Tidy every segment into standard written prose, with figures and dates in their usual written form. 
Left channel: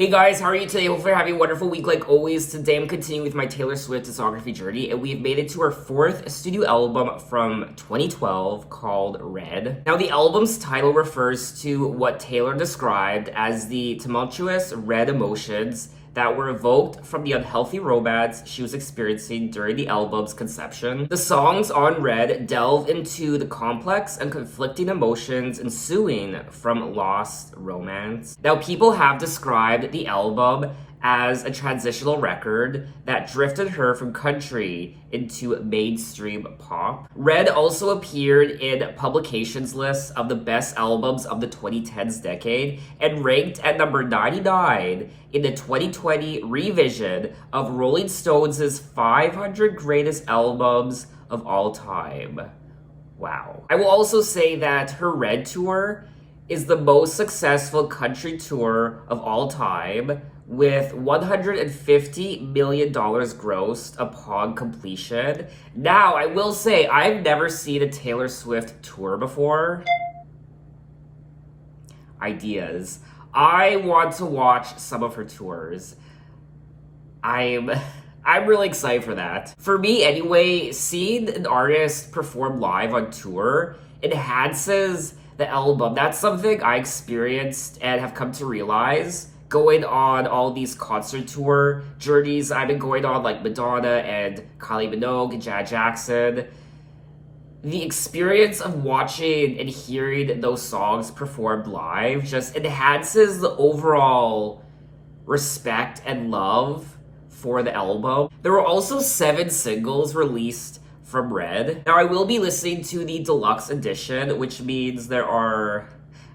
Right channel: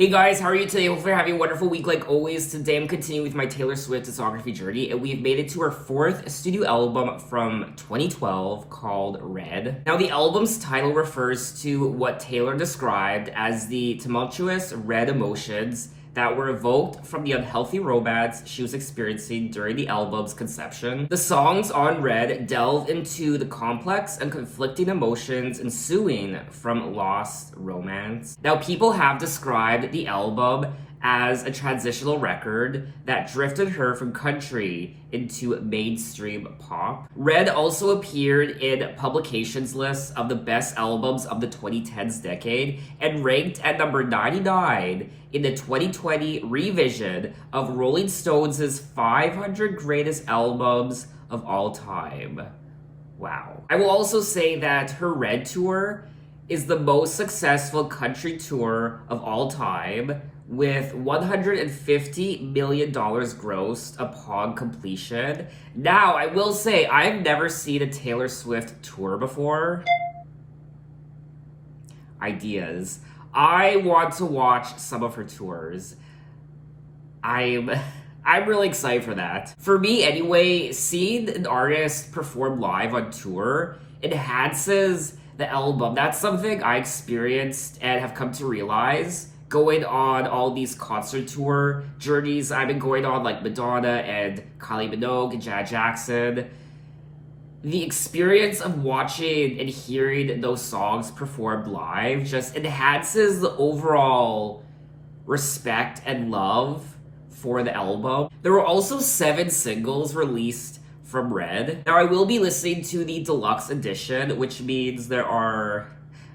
Hey guys, how are you today? Hopefully you're having a wonderful week like always. Today I'm continuing with my Taylor Swift discography journey, and we've made it to her fourth studio album from 2012 called Red. Now the album's title refers to what Taylor described as the tumultuous red emotions that were evoked from the unhealthy romance she was experiencing during the album's conception. The songs on Red delve into the complex and conflicting emotions ensuing from lost romance. Now, people have described the album as a transitional record that drifted her from country into mainstream pop. Red also appeared in publications lists of the best albums of the 2010s decade and ranked at number 99 in the 2020 revision of Rolling Stones' 500 greatest albums of all time. Wow. I will also say that her Red tour is the most successful country tour of all time, with $150 million grossed upon completion. Now, I will say, I've never seen a Taylor Swift tour before. Ideas. I want to watch some of her tours. I'm really excited for that. For me, anyway, seeing an artist perform live on tour enhances the album. That's something I experienced and have come to realize going on all these concert tour journeys I've been going on, like Madonna and Kylie Minogue and Janet Jackson. The experience of watching and hearing those songs performed live just enhances the overall respect and love for the album. There were also 7 singles released from Red. Now, I will be listening to the Deluxe edition, which means there are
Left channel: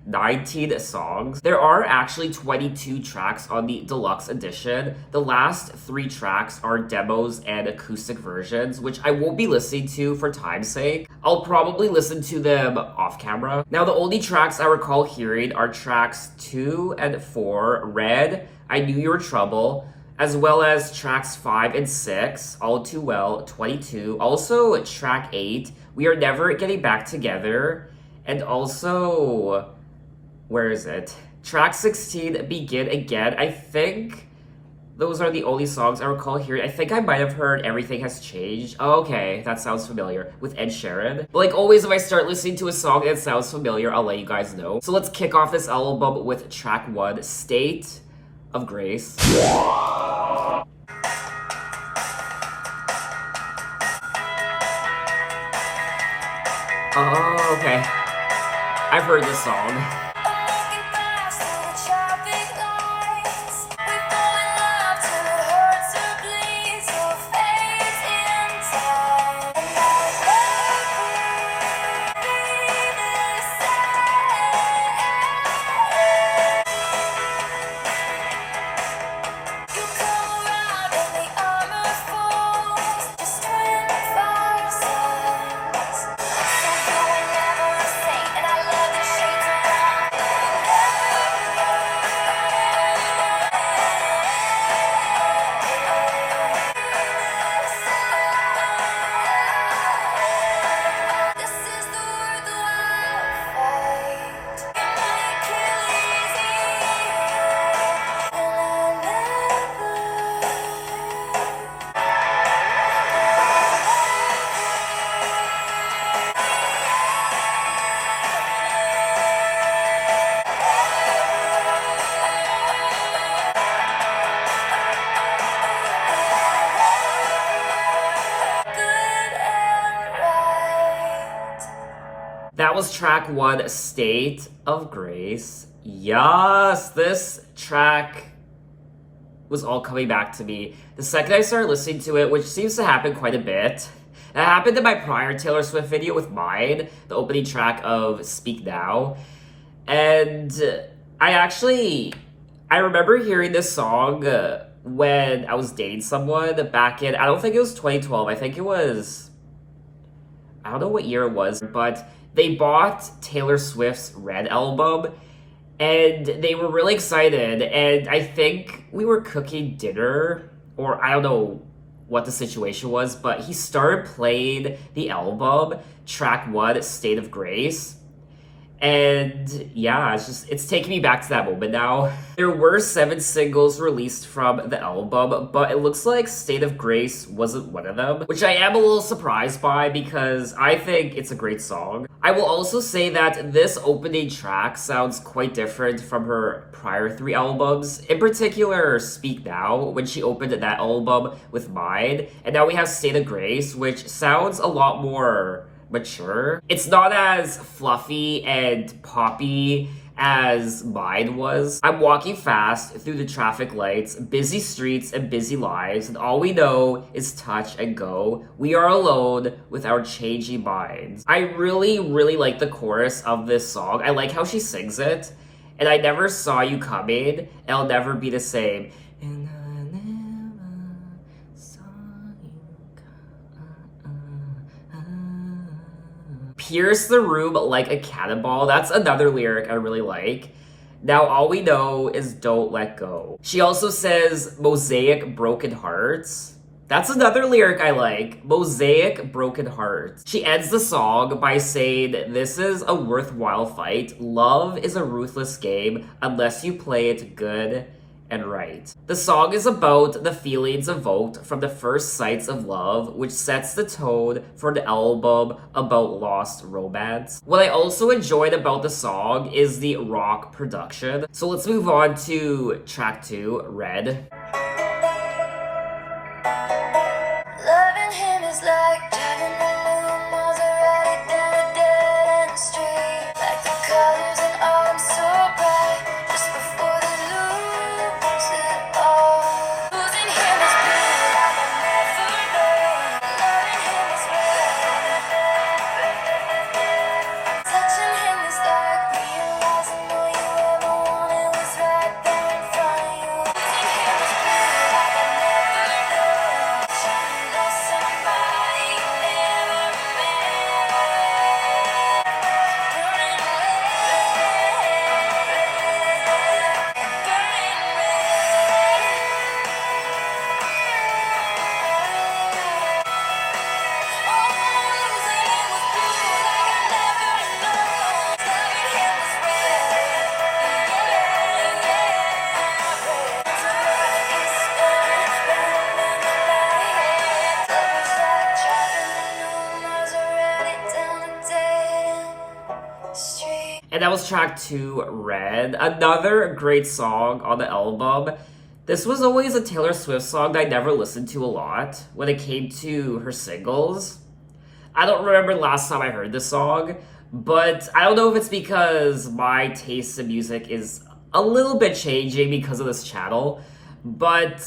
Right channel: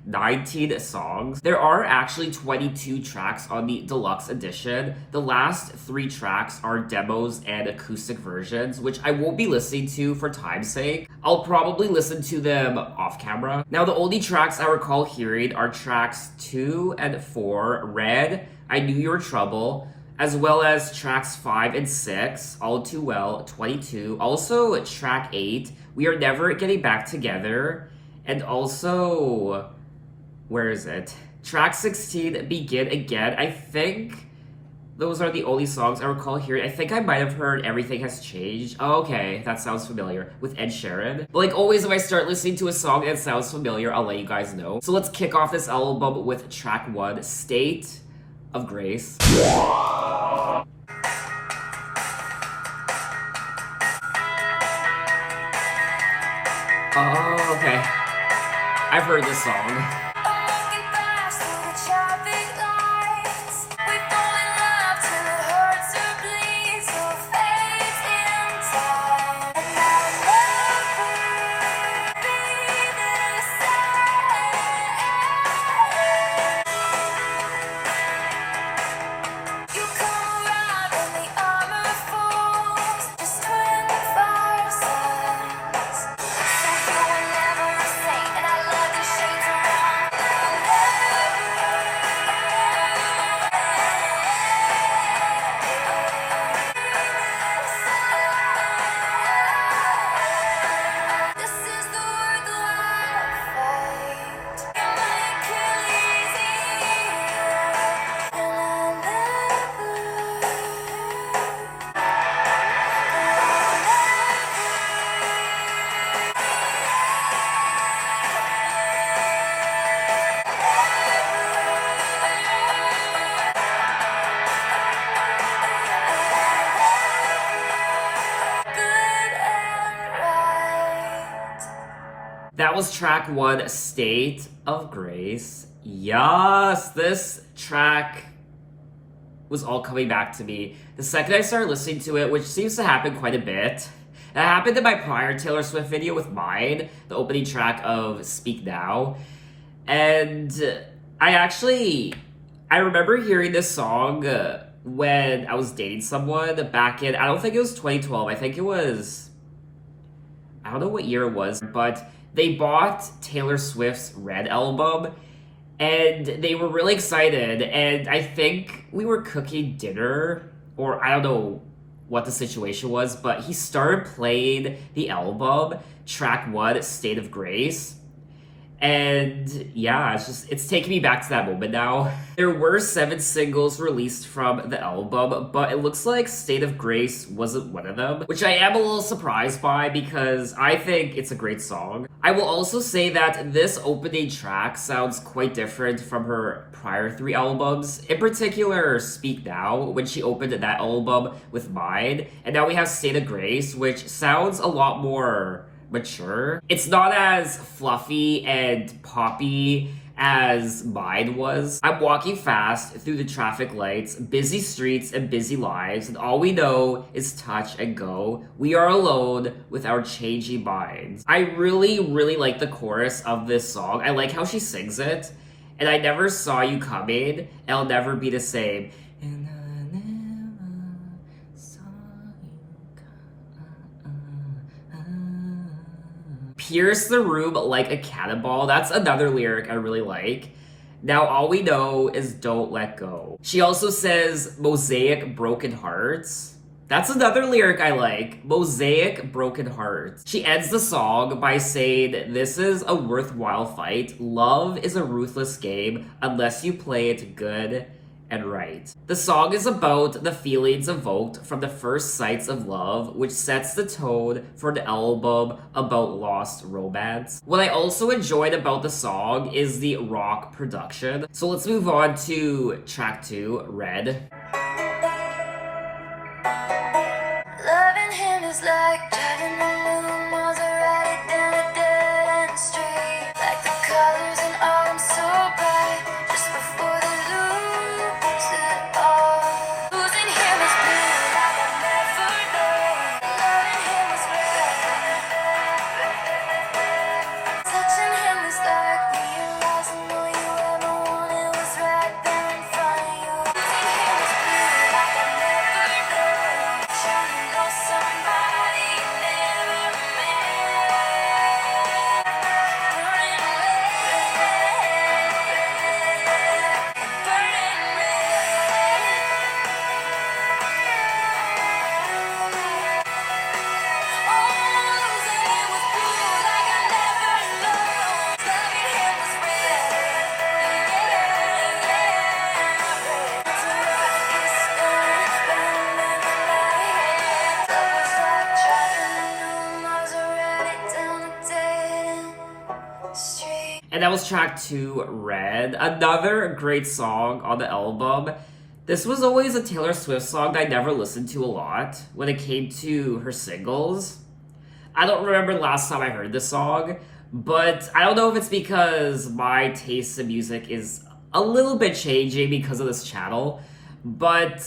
19 songs. There are actually 22 tracks on the Deluxe edition. The last 3 tracks are demos and acoustic versions, which I won't be listening to for time's sake. I'll probably listen to them off camera. Now, the only tracks I recall hearing are tracks 2 and 4, Red, I Knew You Were Trouble, as well as tracks 5 and 6, All Too Well, 22. Also, track 8, We Are Never Getting Back Together, and also, where is it? Track 16, Begin Again. I think those are the only songs I recall hearing. I think I might have heard Everything Has Changed. Oh, okay, that sounds familiar. With Ed Sheeran. But like always, if I start listening to a song that sounds familiar, I'll let you guys know. So let's kick off this album with track 1, State of Grace. Oh, okay. I've heard this song. That was track 1, State of Grace. Yes, this track was all coming back to me. The second I started listening to it, which seems to happen quite a bit. That happened in my prior Taylor Swift video with mine, the opening track of Speak Now. And I remember hearing this song when I was dating someone back in, I don't think it was 2012, I think it was, I don't know what year it was, but they bought Taylor Swift's Red album, and they were really excited, and I think we were cooking dinner, or I don't know what the situation was, but he started playing the album, track 1, State of Grace, And yeah, it's taking me back to that moment now. There were 7 singles released from the album, but it looks like State of Grace wasn't one of them, which I am a little surprised by because I think it's a great song. I will also say that this opening track sounds quite different from her prior 3 albums. In particular, Speak Now, when she opened that album with Mine, and now we have State of Grace, which sounds a lot more mature. It's not as fluffy and poppy as mine was. I'm walking fast through the traffic lights, busy streets and busy lives, and all we know is touch and go. We are alone with our changing minds. I really, really like the chorus of this song. I like how she sings it. And I never saw you coming, and I'll never be the same. And I never saw you pierce the room like a cannonball. That's another lyric I really like. Now all we know is don't let go. She also says mosaic broken hearts. That's another lyric I like. Mosaic broken hearts. She ends the song by saying, this is a worthwhile fight. Love is a ruthless game unless you play it good and right. The song is about the feelings evoked from the first sights of love, which sets the tone for the album about lost romance. What I also enjoyed about the song is the rock production. So let's move on to track 2, Red. Loving him is like driving a new Maserati down a dead end street. Like the colors in autumn so bright, just before they lose it all. Losing him is blue like I never known. Loving him is red. Touching him is like realizing all you ever wanted was right there in front of you. Losing him is blue like I never known. Shining on somebody you never met. Burning And that was track 2, Red. Another great song on the album. This was always a Taylor Swift song that I never listened to a lot when it came to her singles. I don't remember last time I heard this song, but I don't know if it's because my taste in music is a little bit changing because of this channel, but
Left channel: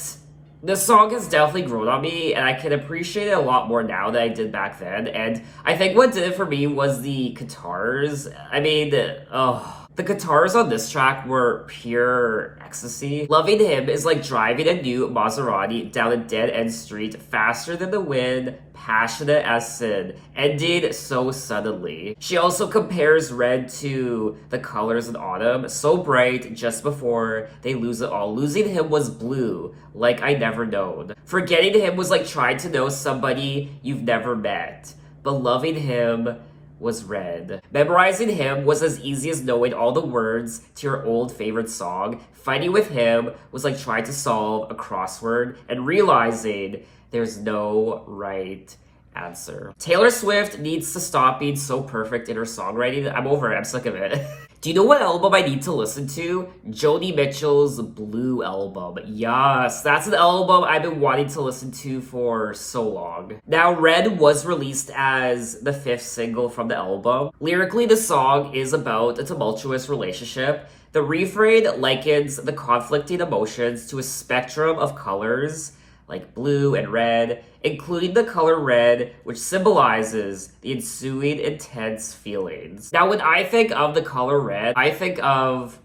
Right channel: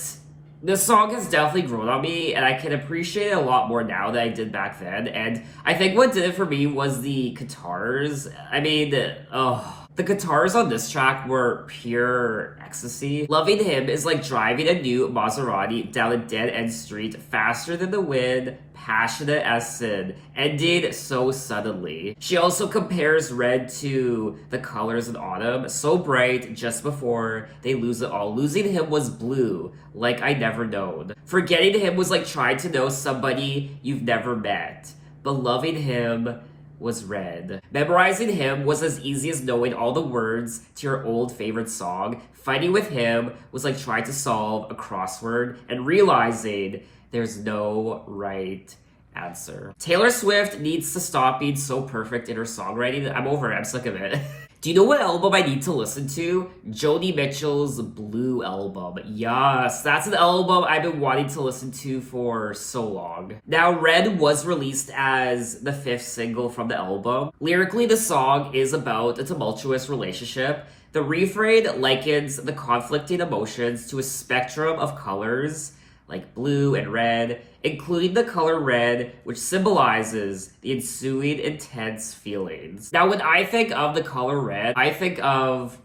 this song has definitely grown on me, and I can appreciate it a lot more now than I did back then. And I think what did it for me was the guitars. I mean, the guitars on this track were pure ecstasy. Loving Him is like driving a new Maserati down a dead-end street faster than the wind, passionate as sin, ended so suddenly. She also compares red to the colors in autumn, so bright just before they lose it all. Losing him was blue, like I never known. Forgetting him was like trying to know somebody you've never met. But loving him was red. Memorizing him was as easy as knowing all the words to your old favorite song. Fighting with him was like trying to solve a crossword and realizing there's no right answer. Taylor Swift needs to stop being so perfect in her songwriting. I'm over it. I'm sick of it. Do you know what album I need to listen to? Joni Mitchell's Blue album. Yes, that's an album I've been wanting to listen to for so long. Now, Red was released as the 5th single from the album. Lyrically, the song is about a tumultuous relationship. The refrain likens the conflicting emotions to a spectrum of colors, like blue and red, including the color red, which symbolizes the ensuing intense feelings. Now, when I think of the color red, I think of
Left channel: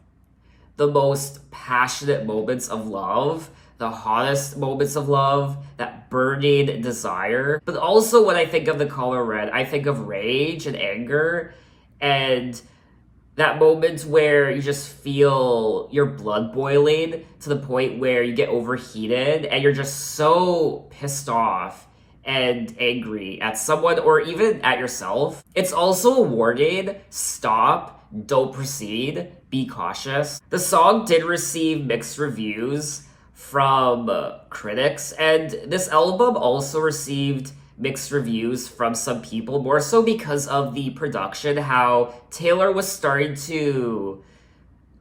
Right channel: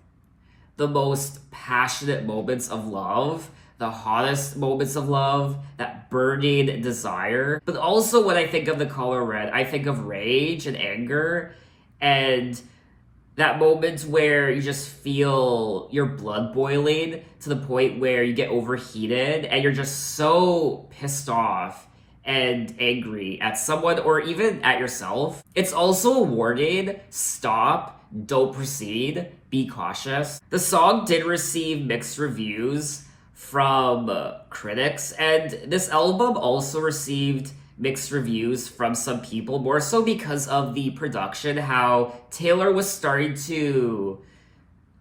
the most passionate moments of love, the hottest moments of love, that burning desire. But also when I think of the color red, I think of rage and anger, and that moment where you just feel your blood boiling to the point where you get overheated and you're just so pissed off and angry at someone or even at yourself. It's also a warning. Stop. don't proceed, be cautious. The song did receive mixed reviews from critics, and this album also received mixed reviews from some people, more so because of the production, how Taylor was starting to,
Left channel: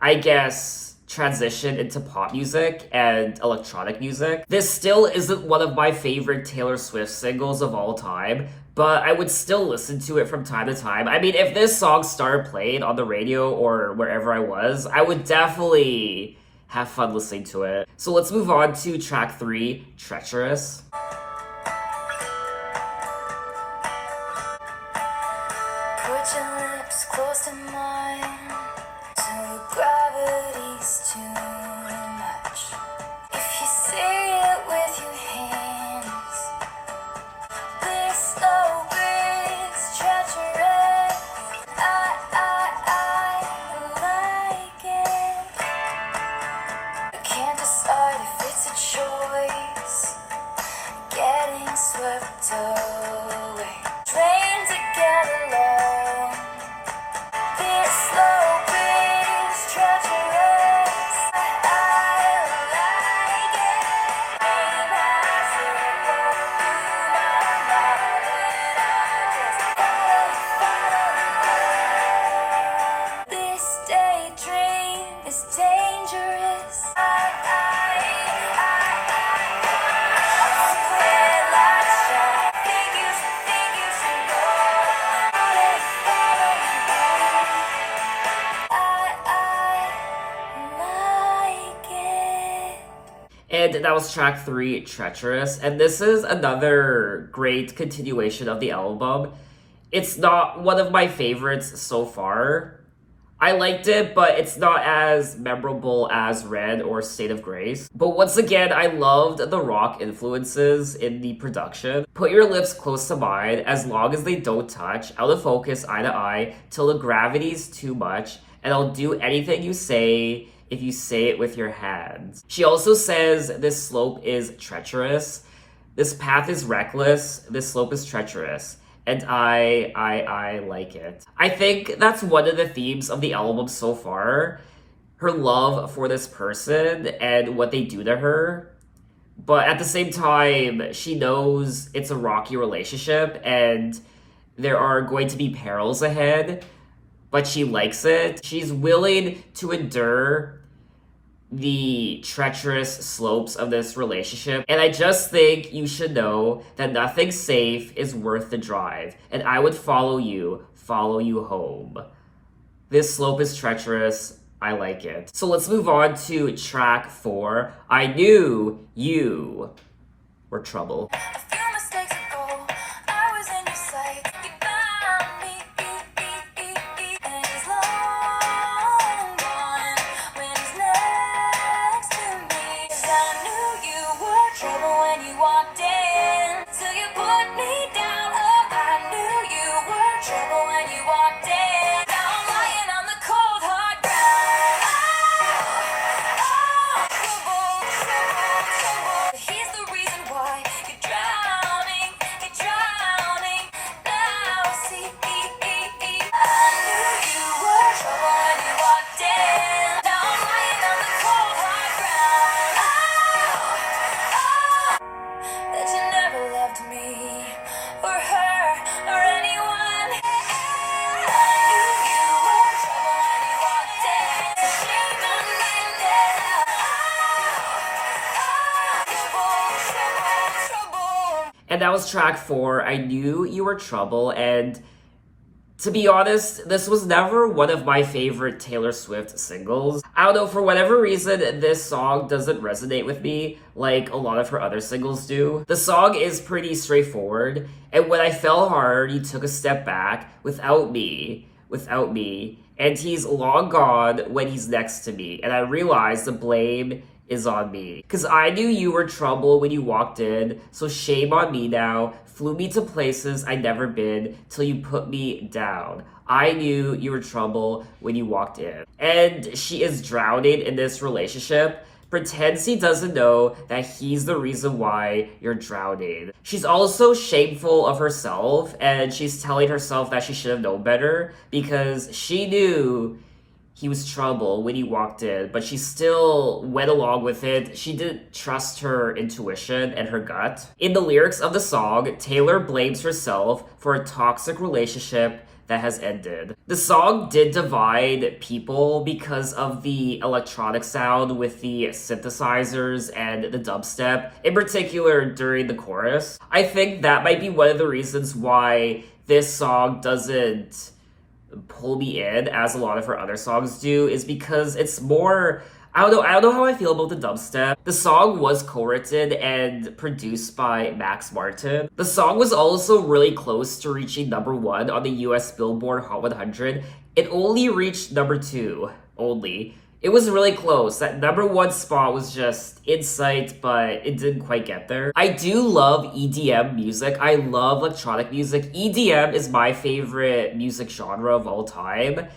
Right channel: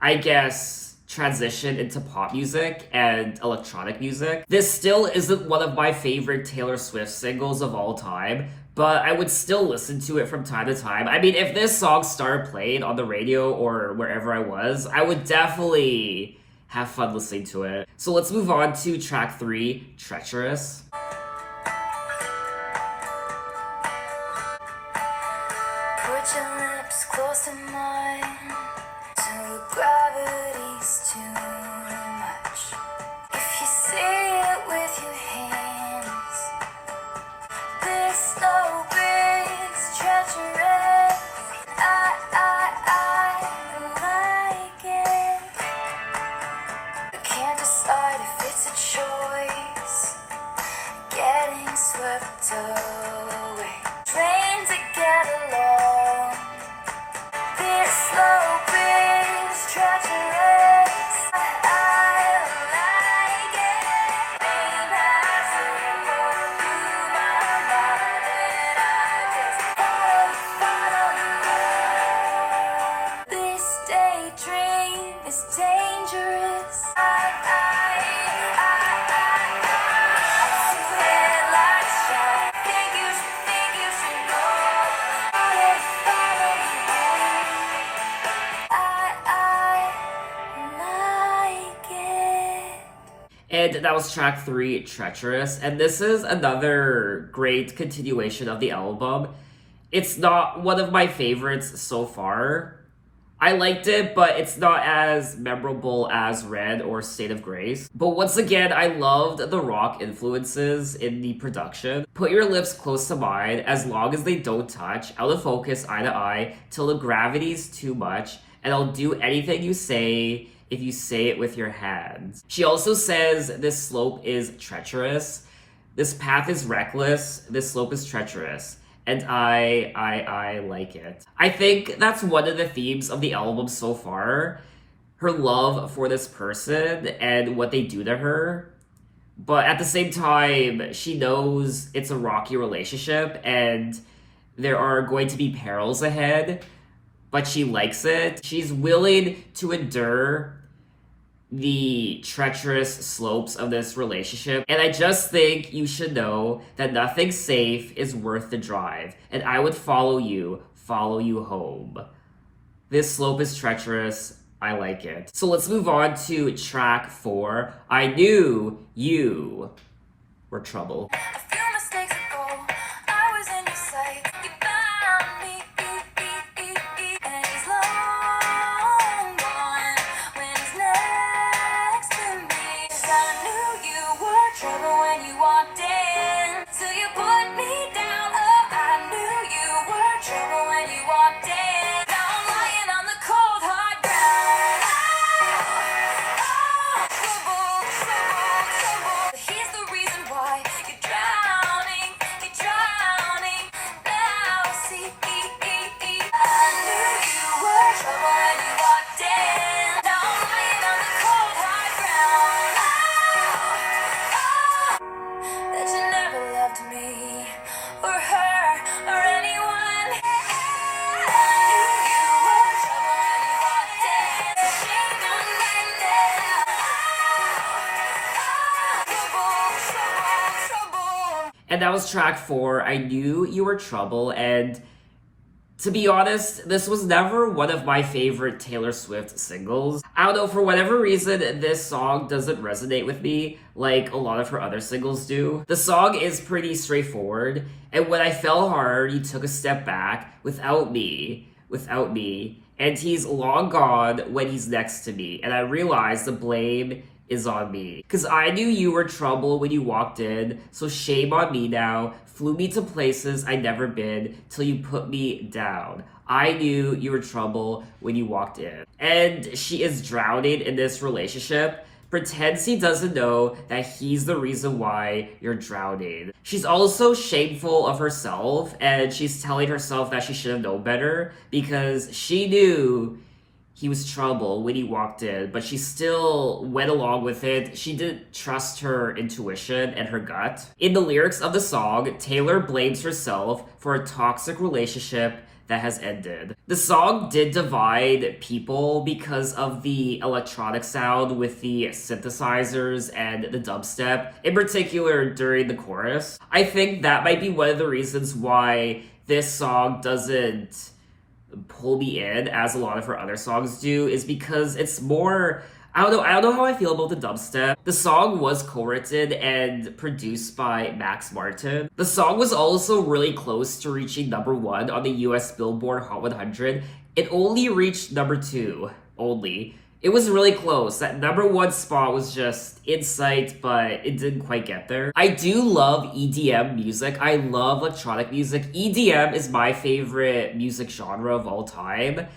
I guess, transition into pop music and electronic music. This still isn't one of my favorite Taylor Swift singles of all time, but I would still listen to it from time to time. I mean, if this song started playing on the radio or wherever I was, I would definitely have fun listening to it. So let's move on to track 3, Treacherous. Put your lips close to mine till the gravity's too much. If you say it with your hands, this slow breeze treacherous. I like it. I can't decide if it's a choice. Getting swept away, drained to get along. This slow breeze treacherous. I like it. Maybe I should go through my mind when I just follow. This daydream is dangerous. And that was track 3, Treacherous. And this is another great continuation of the album. It's not one of my favorites so far. I liked it, but it's not as memorable as Red or State of Grace. But once again, I loved the rock influences in the production. Put your lips close to mine, as long as they don't touch, out of focus, eye to eye, till the gravity's too much, and I'll do anything you say if you say it with your hands. She also says this slope is treacherous. This path is reckless. This slope is treacherous. And I like it. I think that's one of the themes of the album so far. Her love for this person and what they do to her. But at the same time, she knows it's a rocky relationship and there are going to be perils ahead. But she likes it. She's willing to endure the treacherous slopes of this relationship. And I just think you should know that nothing safe is worth the drive. And I would follow you home. This slope is treacherous. I like it. So let's move on to track 4. I knew you were trouble. A few mistakes ago, I was in your sight. You found me, and he's long gone when he's next to me. 'Cause I knew you were trouble when you walked in, till you put me down. Oh, I knew you were trouble when you walked in. Now I'm lying on the cold hard ground. Trouble, trouble, trouble. But here's the reason why you're drowning. Now see, I knew you were trouble when you walked in. Now I'm lying on the cold hard ground. That you never loved me or her or anyone. I knew you were trouble when you walked in. Shame on me now. Trouble. And that was track 4. I knew you were trouble. And to be honest, this was never one of my favorite Taylor Swift singles. I don't know, for whatever reason, this song doesn't resonate with me like a lot of her other singles do. The song is pretty straightforward, and when I fell hard, you took a step back without me, and he's long gone when he's next to me, and I realized the blame is on me. 'Cause I knew you were trouble when you walked in, so shame on me now. Flew me to places I'd never been till you put me down. I knew you were trouble when you walked in. And she is drowning in this relationship, pretends he doesn't know that he's the reason why you're drowning. She's also shameful of herself, and she's telling herself that she should have known better because she knew he was trouble when he walked in, but she still went along with it. She didn't trust her intuition and her gut. In the lyrics of the song, Taylor blames herself for a toxic relationship that has ended. The song did divide people because of the electronic sound with the synthesizers and the dubstep, in particular during the chorus. I think that might be one of the reasons why this song doesn't pull me in as a lot of her other songs do, is because it's more, I don't know how I feel about the dubstep. The song was co-written and produced by Max Martin. The song was also really close to reaching #1 on the US Billboard Hot 100. It only reached #2 only. It was really close. That #1 spot was just in sight, but it didn't quite get there. I do love EDM music. I love electronic music. EDM is my favorite music genre of all time.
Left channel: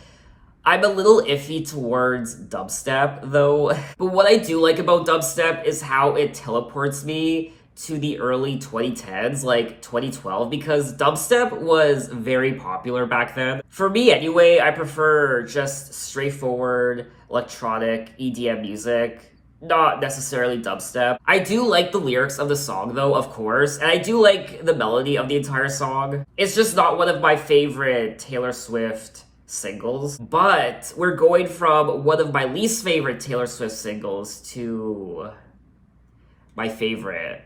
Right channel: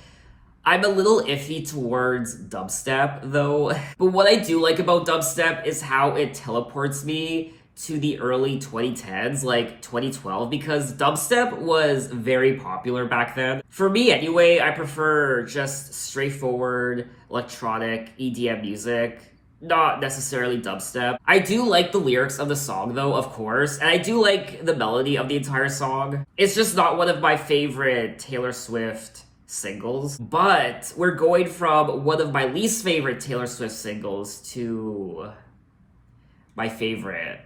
I'm a little iffy towards dubstep, though. But what I do like about dubstep is how it teleports me to the early 2010s, like 2012, because dubstep was very popular back then. For me anyway, I prefer just straightforward electronic EDM music, not necessarily dubstep. I do like the lyrics of the song though, of course, and I do like the melody of the entire song. It's just not one of my favorite Taylor Swift singles, but we're going from one of my least favorite Taylor Swift singles to my favorite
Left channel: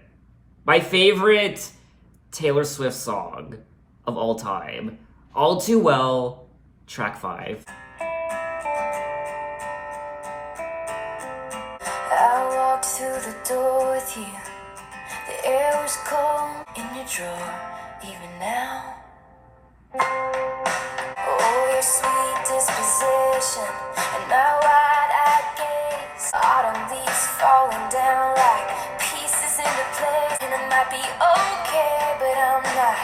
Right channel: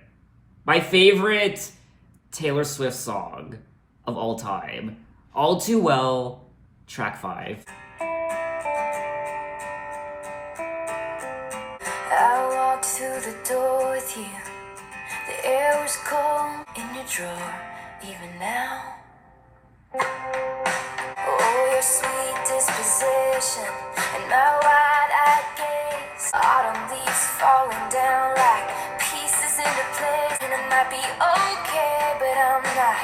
Taylor Swift song of all time, All Too Well, track 5. I walked through the door with you. The air was cold in your drawer, even now. Oh, your sweet disposition and my wide-eyed gaze. Autumn leaves falling down like pieces into place. And it might be okay, but I'm not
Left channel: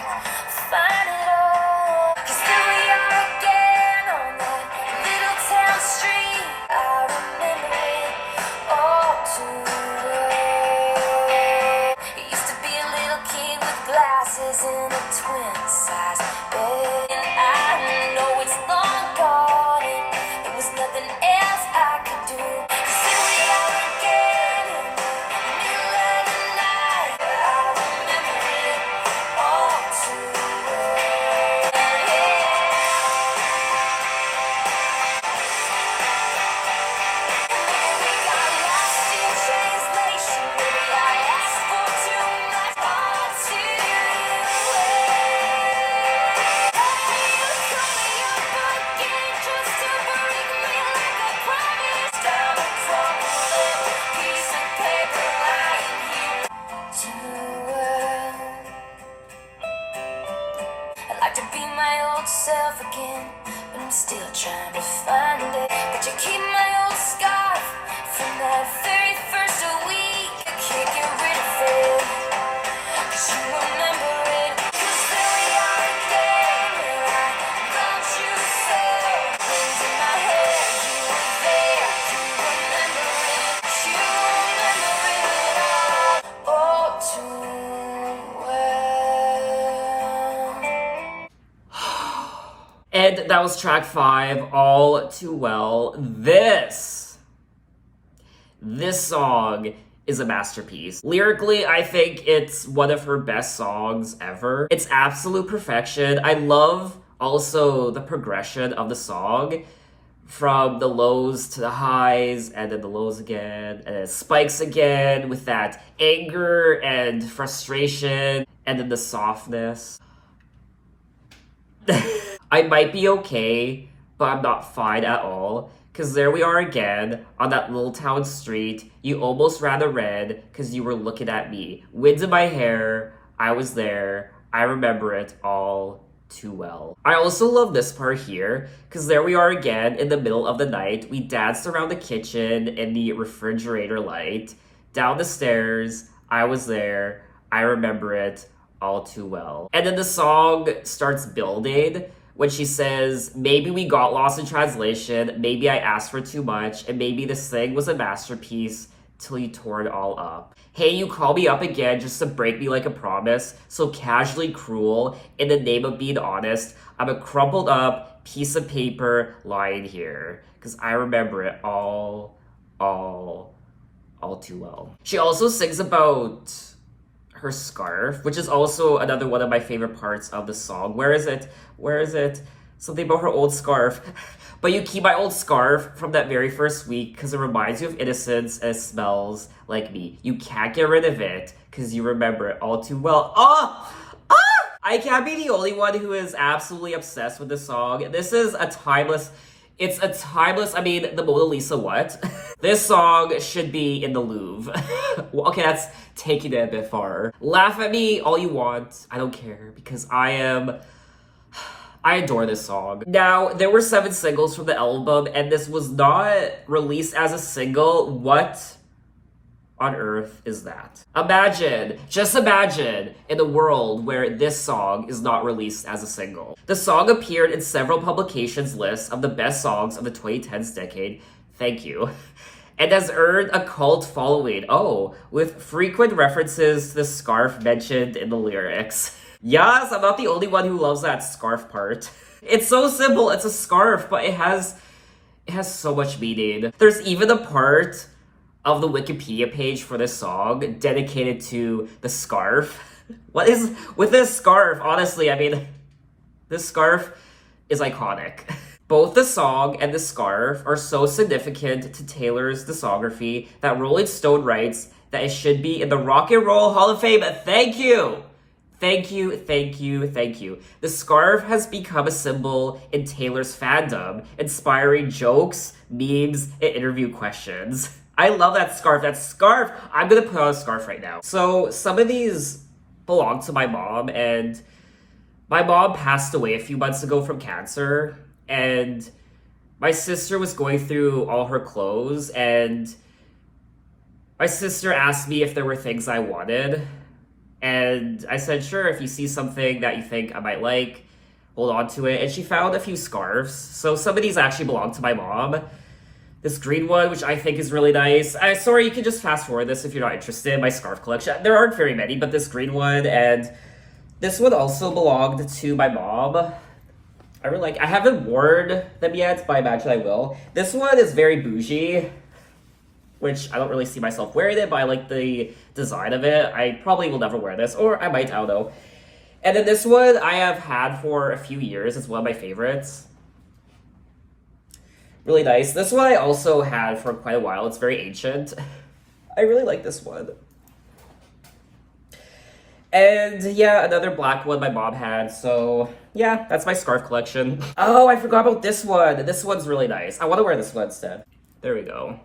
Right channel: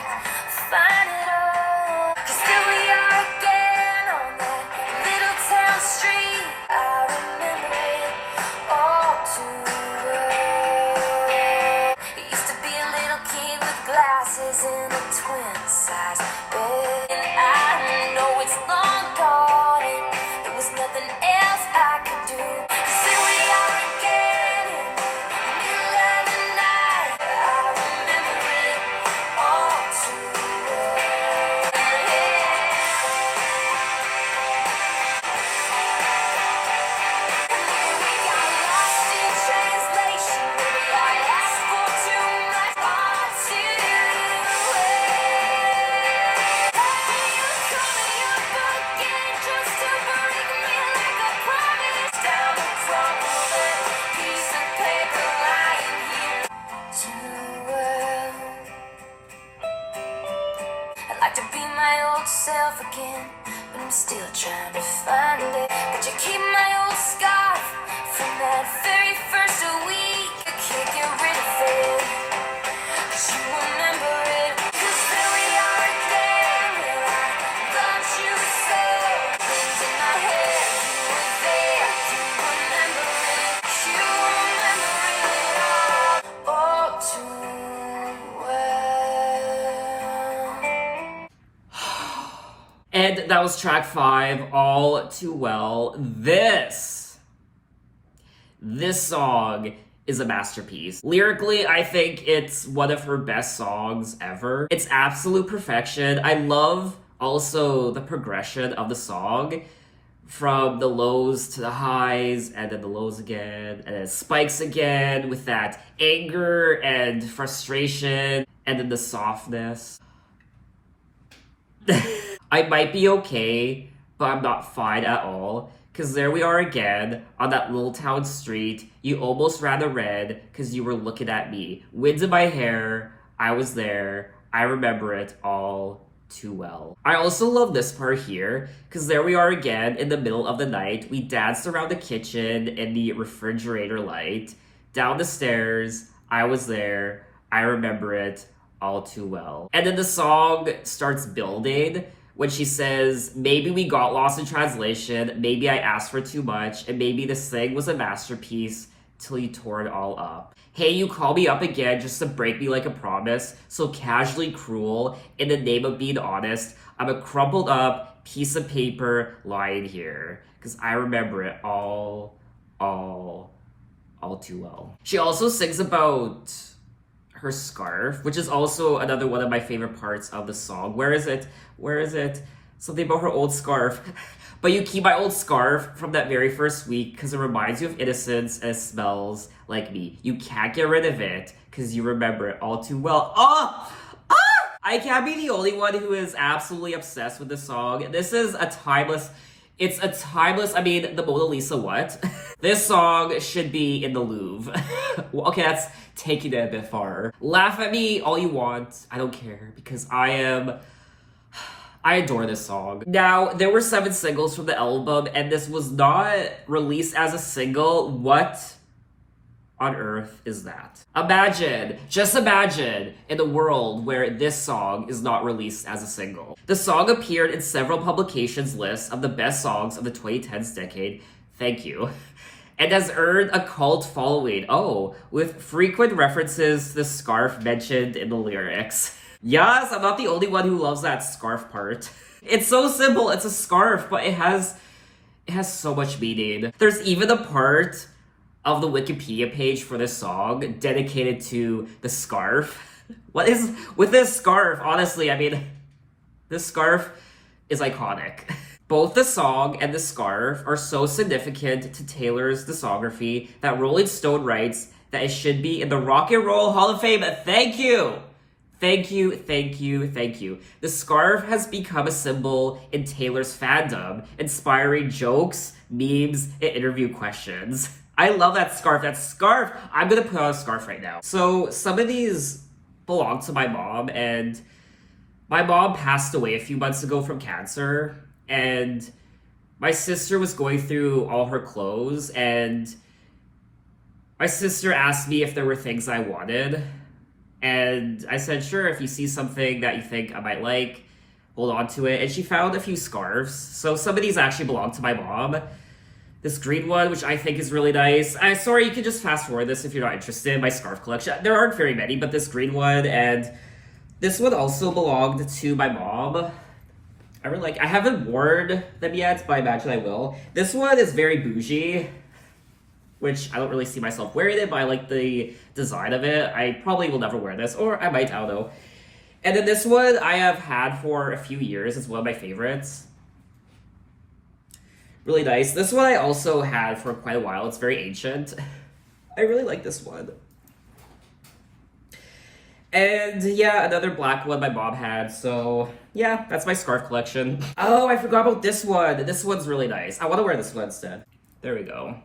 fine at all. 'Cause here we are again on that little town street. I remember it all too well. It used to be a little kid with glasses in a twin-size bed. And I know it's long gone, and there was nothing else I could do. 'Cause here we are again in the middle of the night. I remember it all too well. We got lost in translation. Maybe I asked for too much. All too I'd like to be my old self again, but I'm still trying to find it. But you keep my old scarf from that very first week. I can't get rid of it, 'cause you remember it. 'Cause here we are again, don't you say? Things in my head, you were there, you remember it. You remember it all too well. And that was track 5, All Too Well. This song is a masterpiece. Lyrically, I think it's one of her best songs ever. It's absolute perfection. I love also the progression of the song, from the lows to the highs, and then the lows again, and then it spikes again with that anger and frustration, and then the softness. I might be okay, but I'm not fine at all. Cause there we are again, on that little town street. You almost ran a red, cause you were looking at me. Wind in my hair, I was there. I remember it all too well. I also love this part here, cause there we are again in the middle of the night. We danced around the kitchen in the refrigerator light. Down the stairs, I was there. I remember it all too well. And then the song starts building when she says, maybe we got lost in translation, maybe I asked for too much, and maybe this thing was a masterpiece till you tore it all up. Hey, you call me up again just to break me like a promise, so casually cruel, in the name of being honest. I'm a crumpled up piece of paper lying here, because I remember it all too well. She also sings about her scarf, which is also another one of my favorite parts of the song. Where is it? Where is it? Something about her old scarf. But you keep my old scarf from that very first week because it reminds you of innocence and it smells like me. You can't get rid of it because you remember it all too well. Oh! I can't be the only one who is absolutely obsessed with this song. This is a timeless... It's a timeless... I mean, the Mona Lisa what? This song should be in the Louvre. Well, okay, that's taking it a bit far. Laugh at me all you want. I don't care because I adore this song. Now, there were 7 singles from the album, and this was not released as a single. What on earth is that? Imagine, just imagine, in a world where this song is not released as a single. The song appeared in several publications' lists of the best songs of the 2010s decade. Thank you. And has earned a cult following. Oh, with frequent references to the scarf mentioned in the lyrics. Yes, I'm not the only one who loves that scarf part. It's so simple, it's a scarf, but it has so much meaning. There's even a part of the Wikipedia page for this song dedicated to the scarf. What is with this scarf? Honestly, I mean, this scarf is iconic. Both the song and the scarf are so significant to Taylor's discography that Rolling Stone writes that it should be in the Rock and Roll Hall of Fame. Thank you! Thank you, thank you, thank you. The scarf has become a symbol in Taylor's fandom, inspiring jokes, memes, and interview questions. I love that scarf. That scarf! I'm gonna put on a scarf right now. So, some of these belong to my mom, and my mom passed away a few months ago from cancer, and my sister was going through all her clothes, and my sister asked me if there were things I wanted. And I said, sure, if you see something that you think I might like, hold on to it. And she found a few scarves. So some of these actually belong to my mom. This green one, which I think is really nice. Sorry, you can just fast forward this if you're not interested in my scarf collection. There aren't very many, but this green one and this one also belonged to my mom. I haven't worn them yet, but I imagine I will. This one is very bougie, which I don't really see myself wearing it, but I like the design of it. I probably will never wear this, or I might, I don't know. And then this one I have had for a few years. It's one of my favorites. Really nice. This one I also had for quite a while. It's very ancient. I really like this one. And yeah, another black one my mom had, so yeah, that's my scarf collection. Oh, I forgot about this one. This one's really nice. I want to wear this one instead. There we go.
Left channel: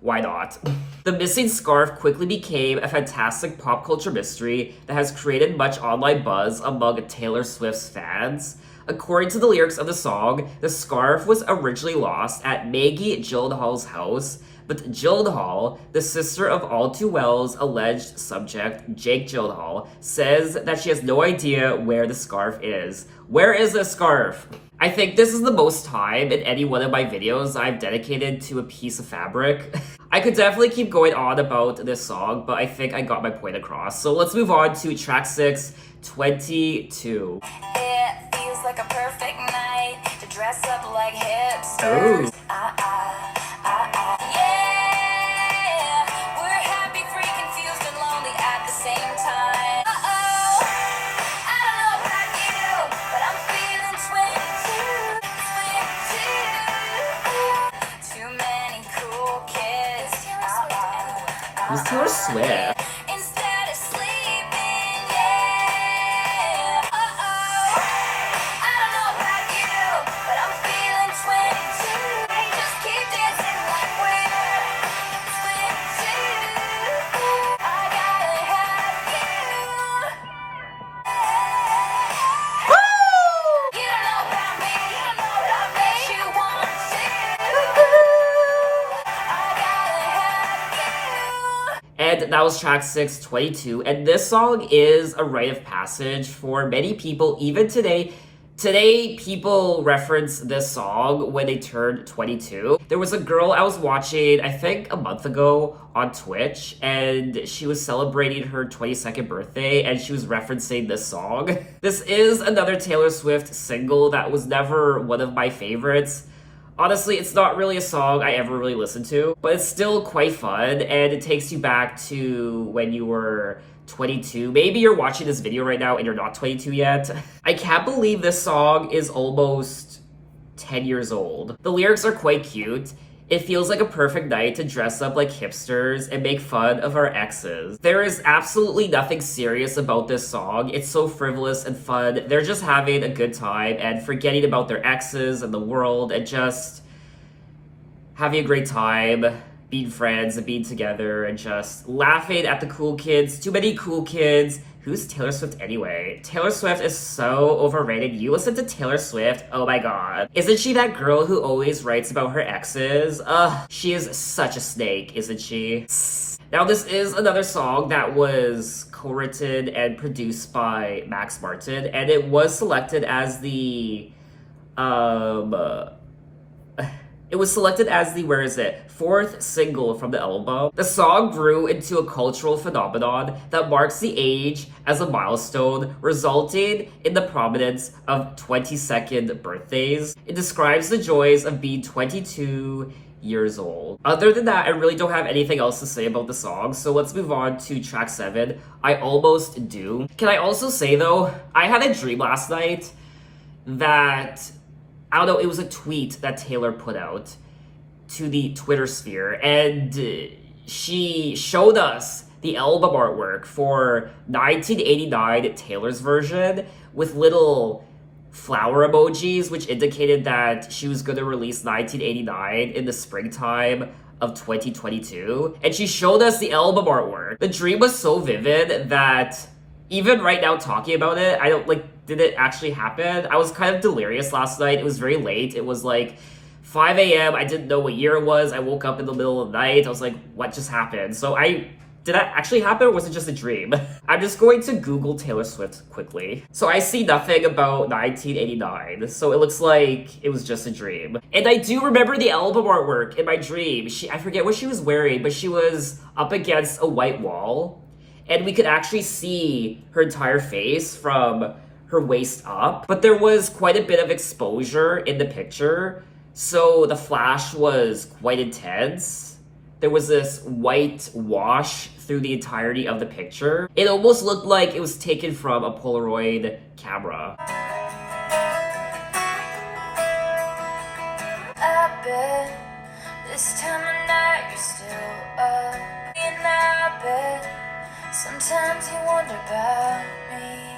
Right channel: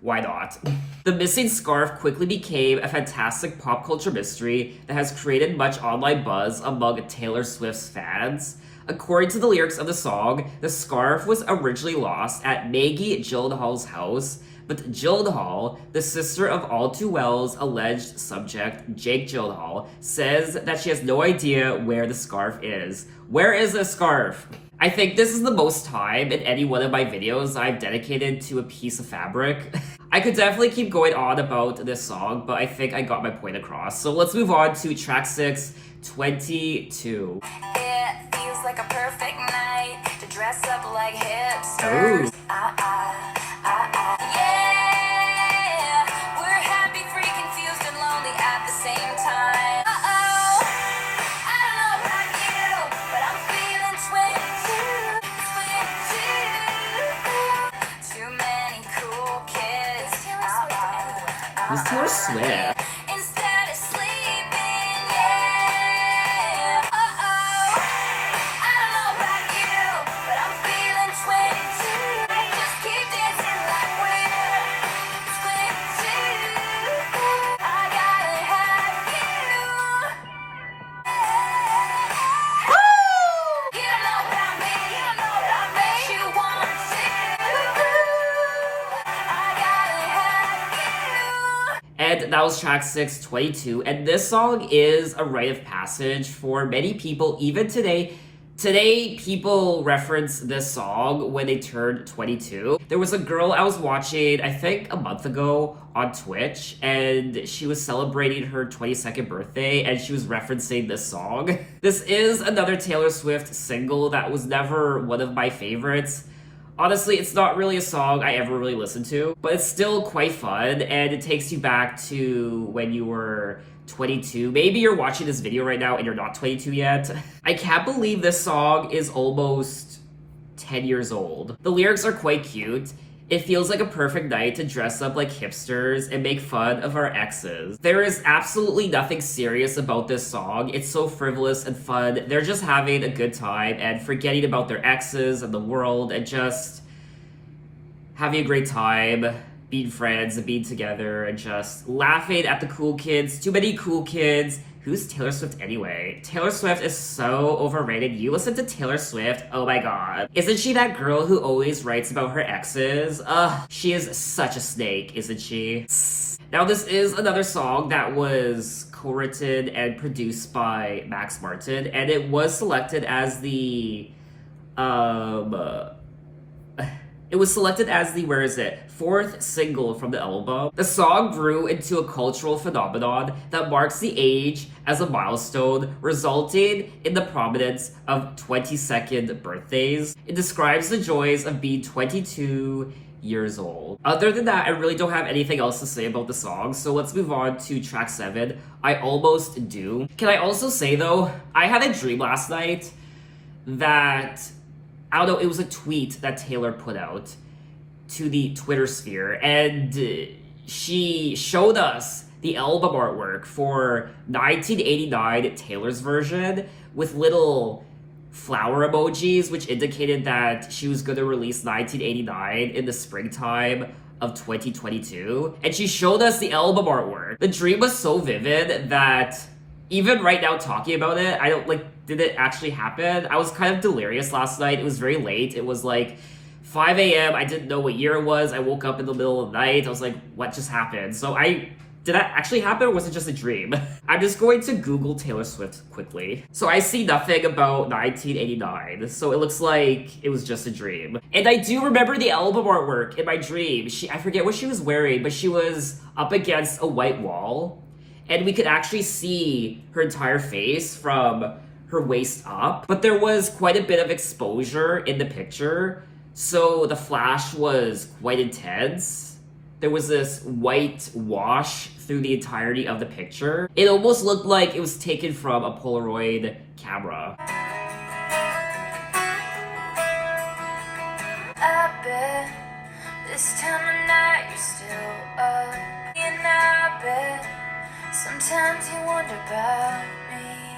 Why not? The missing scarf quickly became a fantastic pop culture mystery that has created much online buzz among Taylor Swift's fans. According to the lyrics of the song, the scarf was originally lost at Maggie Gyllenhaal's house, but Gyllenhaal, the sister of All Too Well's alleged subject, Jake Gyllenhaal, says that she has no idea where the scarf is. Where is this scarf? I think this is the most time in any one of my videos I've dedicated to a piece of fabric. I could definitely keep going on about this song, but I think I got my point across. So let's move on to track 6, 22. It feels like a perfect night to dress up like hipsters. Ooh. Yeah, we're happy, free, confused, and lonely at the same time. I don't know about you, but I'm feeling 22. Too many cool kids. Who's Taylor Swift? Instead of sleeping, yeah. I don't know about you, but I'm feeling 22. I just keep dancing like we're 22. I gotta have you. You don't know about me, but I bet you want to. I gotta have you. And that was track 6, 22. And this song is a rite of passage for many people, even today, Today, people reference this song when they turned 22. There was a girl I was watching, I think a month ago, on Twitch, and she was celebrating her 22nd birthday, and she was referencing this song. This is another Taylor Swift single that was never one of my favorites. Honestly, it's not really a song I ever really listened to, but it's still quite fun, and it takes you back to when you were 22. Maybe you're watching this video right now and you're not 22 yet. I can't believe this song is almost 10 years old. The lyrics are quite cute. It feels like a perfect night to dress up like hipsters and make fun of our exes. There is absolutely nothing serious about this song. It's so frivolous and fun. They're just having a good time and forgetting about their exes and the world and just having a great time, being friends and being together and just laughing at the cool kids. Too many cool kids. Who's Taylor Swift anyway? Taylor Swift is so overrated. You listen to Taylor Swift, oh my god. Isn't she that girl who always writes about her exes? Ugh, she is such a snake, isn't she? Now this is another song that was co-written and produced by Max Martin, and it was selected as the where is it? Fourth single from the album. The song grew into a cultural phenomenon that marks the age as a milestone, resulting in the prominence of 22nd birthdays. It describes the joys of being 22 years old. Other than that, I really don't have anything else to say about the song, so let's move on to track 7, I Almost Do. Can I also say though, I had a dream last night that, I don't know, it was a tweet that Taylor put out to the Twitter sphere, and she showed us the album artwork for 1989 Taylor's version with little flower emojis, which indicated that she was going to release 1989 in the springtime of 2022. And she showed us the album artwork. The dream was so vivid that even right now talking about it, I don't did it actually happen? I was kind of delirious last night. It was very late. It was like 5 a.m. I didn't know what year it was. I woke up in the middle of the night. I was like, what just happened? So did that actually happen, or was it just a dream? I'm just going to Google Taylor Swift quickly. So I see nothing about 1989. So it looks like it was just a dream. And I do remember the album artwork in my dream. I forget what she was wearing, but she was up against a white wall. And we could actually see her entire face from her waist up. But there was quite a bit of exposure in the picture. So the flash was quite intense. There was this white wash through the entirety of the picture. It almost looked like it was taken from a Polaroid camera. I bet this time of night you're still up. And I bet sometimes you wonder about me.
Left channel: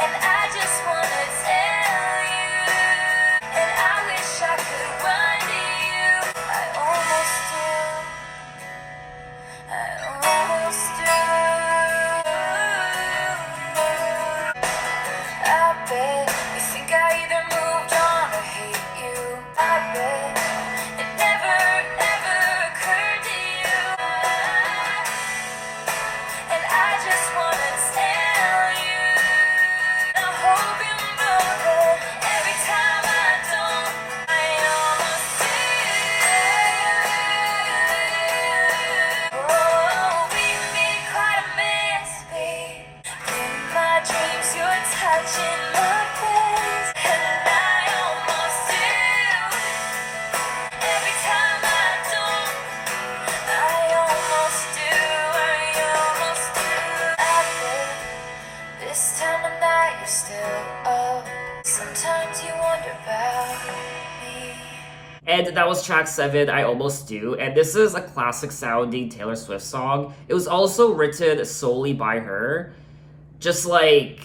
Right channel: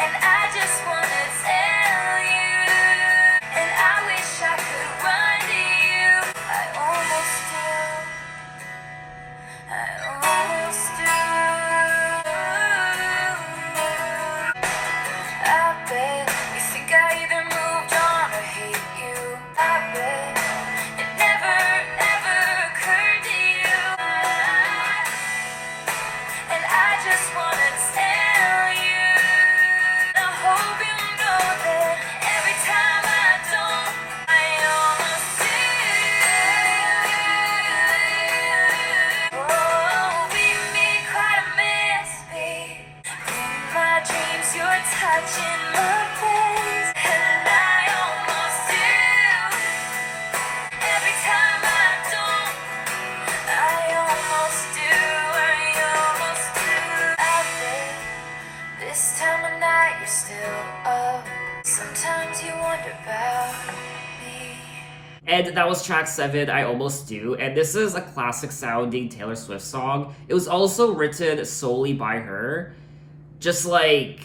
And I just wanna tell you, and I wish I could run to you. I almost do. I almost do. I bet you think I either moved on or hate you. I bet it never, ever occurred to you. And I just wanna tell you, I hope you know that every time I don't, I almost do. Oh, we made quite a mess, babe. In my dreams, you're touching my face, and I almost do. Every time I don't, I almost do. I almost do. I bet this time of night you're still up. Sometimes you wonder about me. And that was track 7, I Almost Do. And this is a classic sounding Taylor Swift song. It was also written solely by her, just like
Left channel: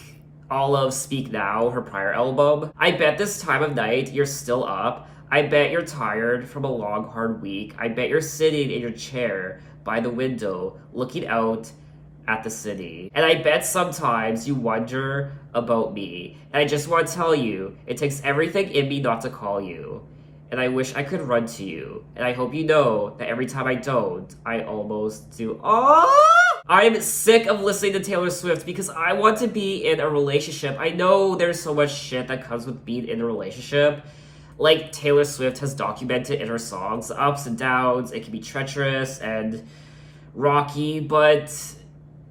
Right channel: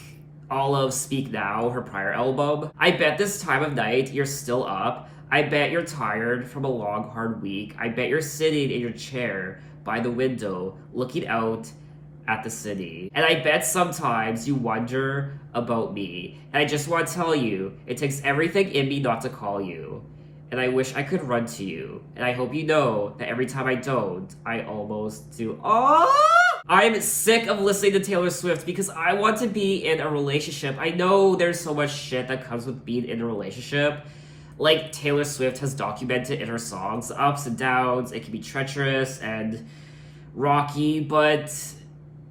all of Speak Now, her prior album. I bet this time of night you're still up. I bet you're tired from a long, hard week. I bet you're sitting in your chair by the window, looking out at the city. And I bet sometimes you wonder about me. And I just want to tell you, it takes everything in me not to call you. And I wish I could run to you. And I hope you know that every time I don't, I almost do. Oh! I'm sick of listening to Taylor Swift because I want to be in a relationship. I know there's so much shit that comes with being in a relationship. Like Taylor Swift has documented in her songs, the ups and downs. It can be treacherous and rocky, but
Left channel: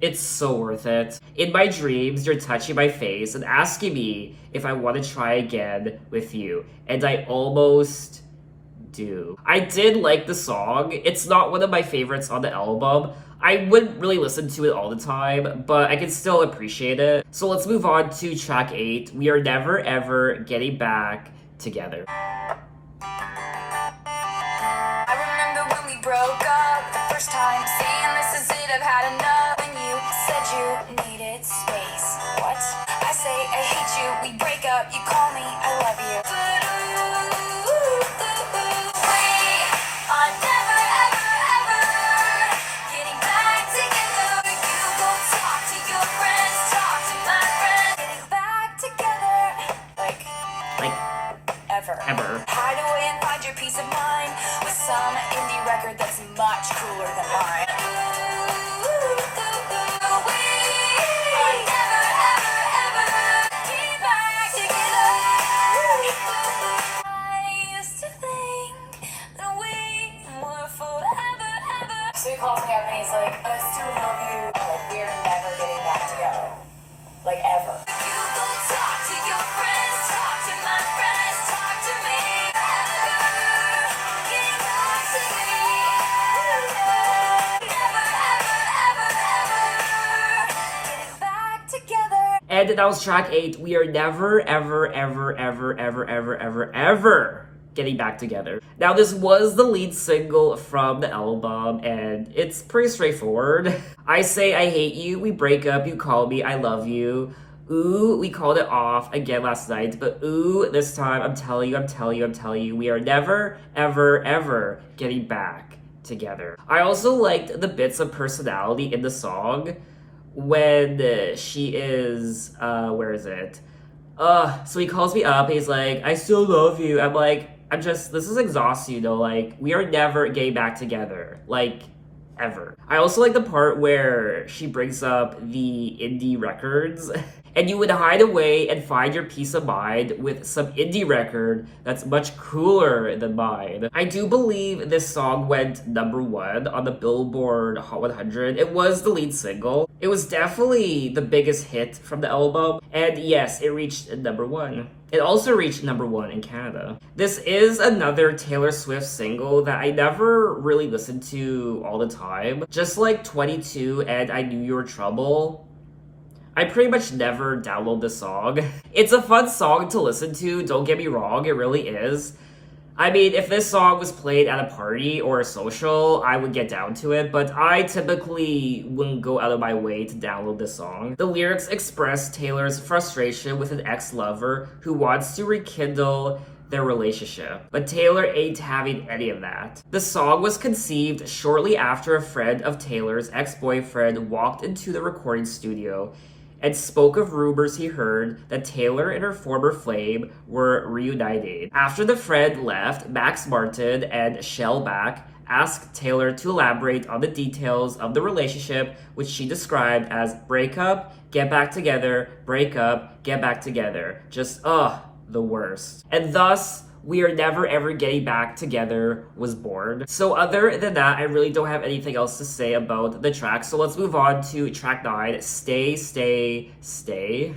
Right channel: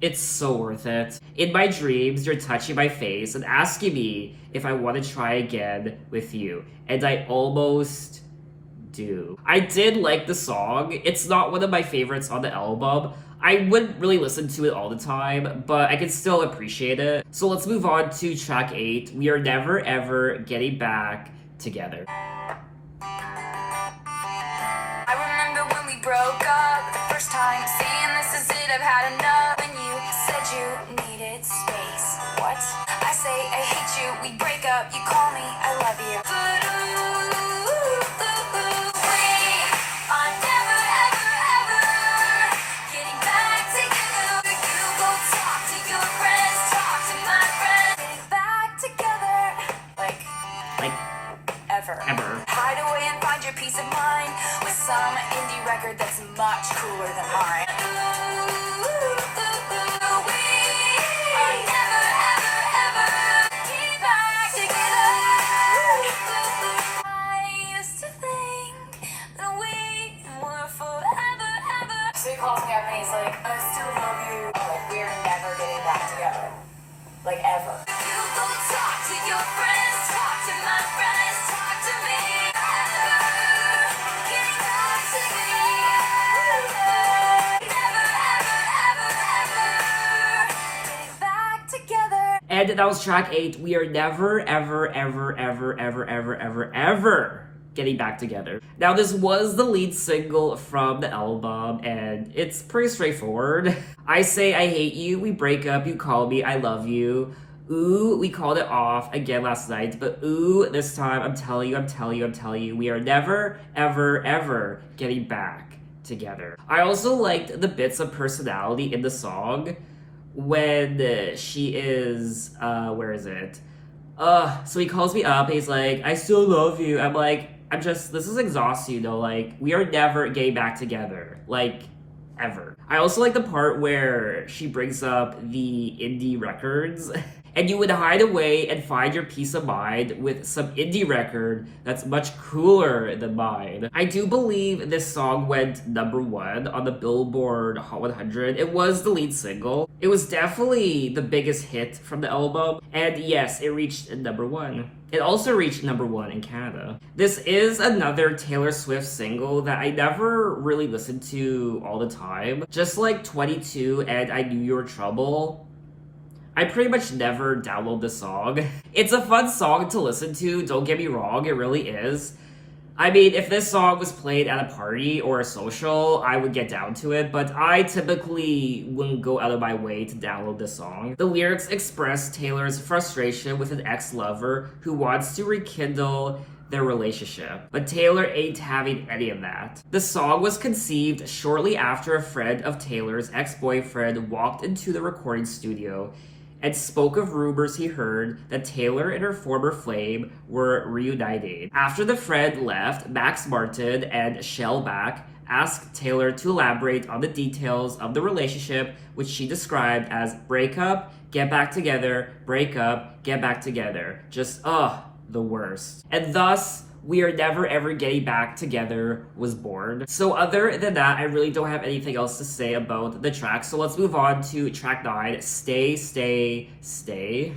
it's so worth it. In my dreams, you're touching my face and asking me if I want to try again with you. And I almost do. I did like the song. It's not one of my favorites on the album. I wouldn't really listen to it all the time, but I can still appreciate it. So let's move on to track 8. We are never ever getting back together. I remember when we broke up the first time, saying this is it, I've had enough. When you said you needed space, what? I say I hate you, we break up, you call me, I love you. But we are never ever ever getting back together. You go talk to your friends, talk to my friends, getting back together. Like ever. Hide away and find your peace of mind with some indie record that's much cooler than mine. We are never, ever, ever getting back together. I used to think that we were forever, ever. So he calls me up and he's like, I still love you. Like, we're never getting back together. Like, ever. You go talk to your friends, talk to my friends, talk to me. Getting back to me. Never, ever, ever, ever getting back together. And that was track 8. We are never, ever, ever, ever, ever, ever, ever, ever getting back together. Now, this was the lead single from the album, and it's pretty straightforward. I say I hate you, we break up, you call me, I love you. Ooh, we called it off again last night, but ooh, this time, I'm telling you, we are never, ever, ever getting back together. I also liked the bits of personality in the song when she is, where is it? So he calls me up, he's like, I still love you. I'm like, this is exhausting, like, we are never getting back together. Like, ever. I also like the part where she brings up the indie records. And you would hide away and find your peace of mind with some indie record that's much cooler than mine. I do believe this song went #1 on the Billboard Hot 100. It was the lead single. It was definitely the biggest hit from the album. And yes, it reached #1. It also reached #1 in Canada. This is another Taylor Swift single that I never really listened to all the time. Just like 22 and I Knew You Were Trouble, I pretty much never download the song. It's a fun song to listen to, don't get me wrong, it really is. I mean, if this song was played at a party or a social, I would get down to it, but I typically wouldn't go out of my way to download this song. The lyrics express Taylor's frustration with an ex-lover who wants to rekindle their relationship, but Taylor ain't having any of that. The song was conceived shortly after a friend of Taylor's ex-boyfriend walked into the recording studio and spoke of rumors he heard that Taylor and her former flame were reuniting. After the friend left, Max Martin and Shellback asked Taylor to elaborate on the details of the relationship, which she described as breakup, get back together, breakup, get back together. Just, the worst. And thus, We Are Never Ever Getting Back Together was born. So other than that, I really don't have anything else to say about the track. So let's move on to track 9, Stay, Stay, Stay.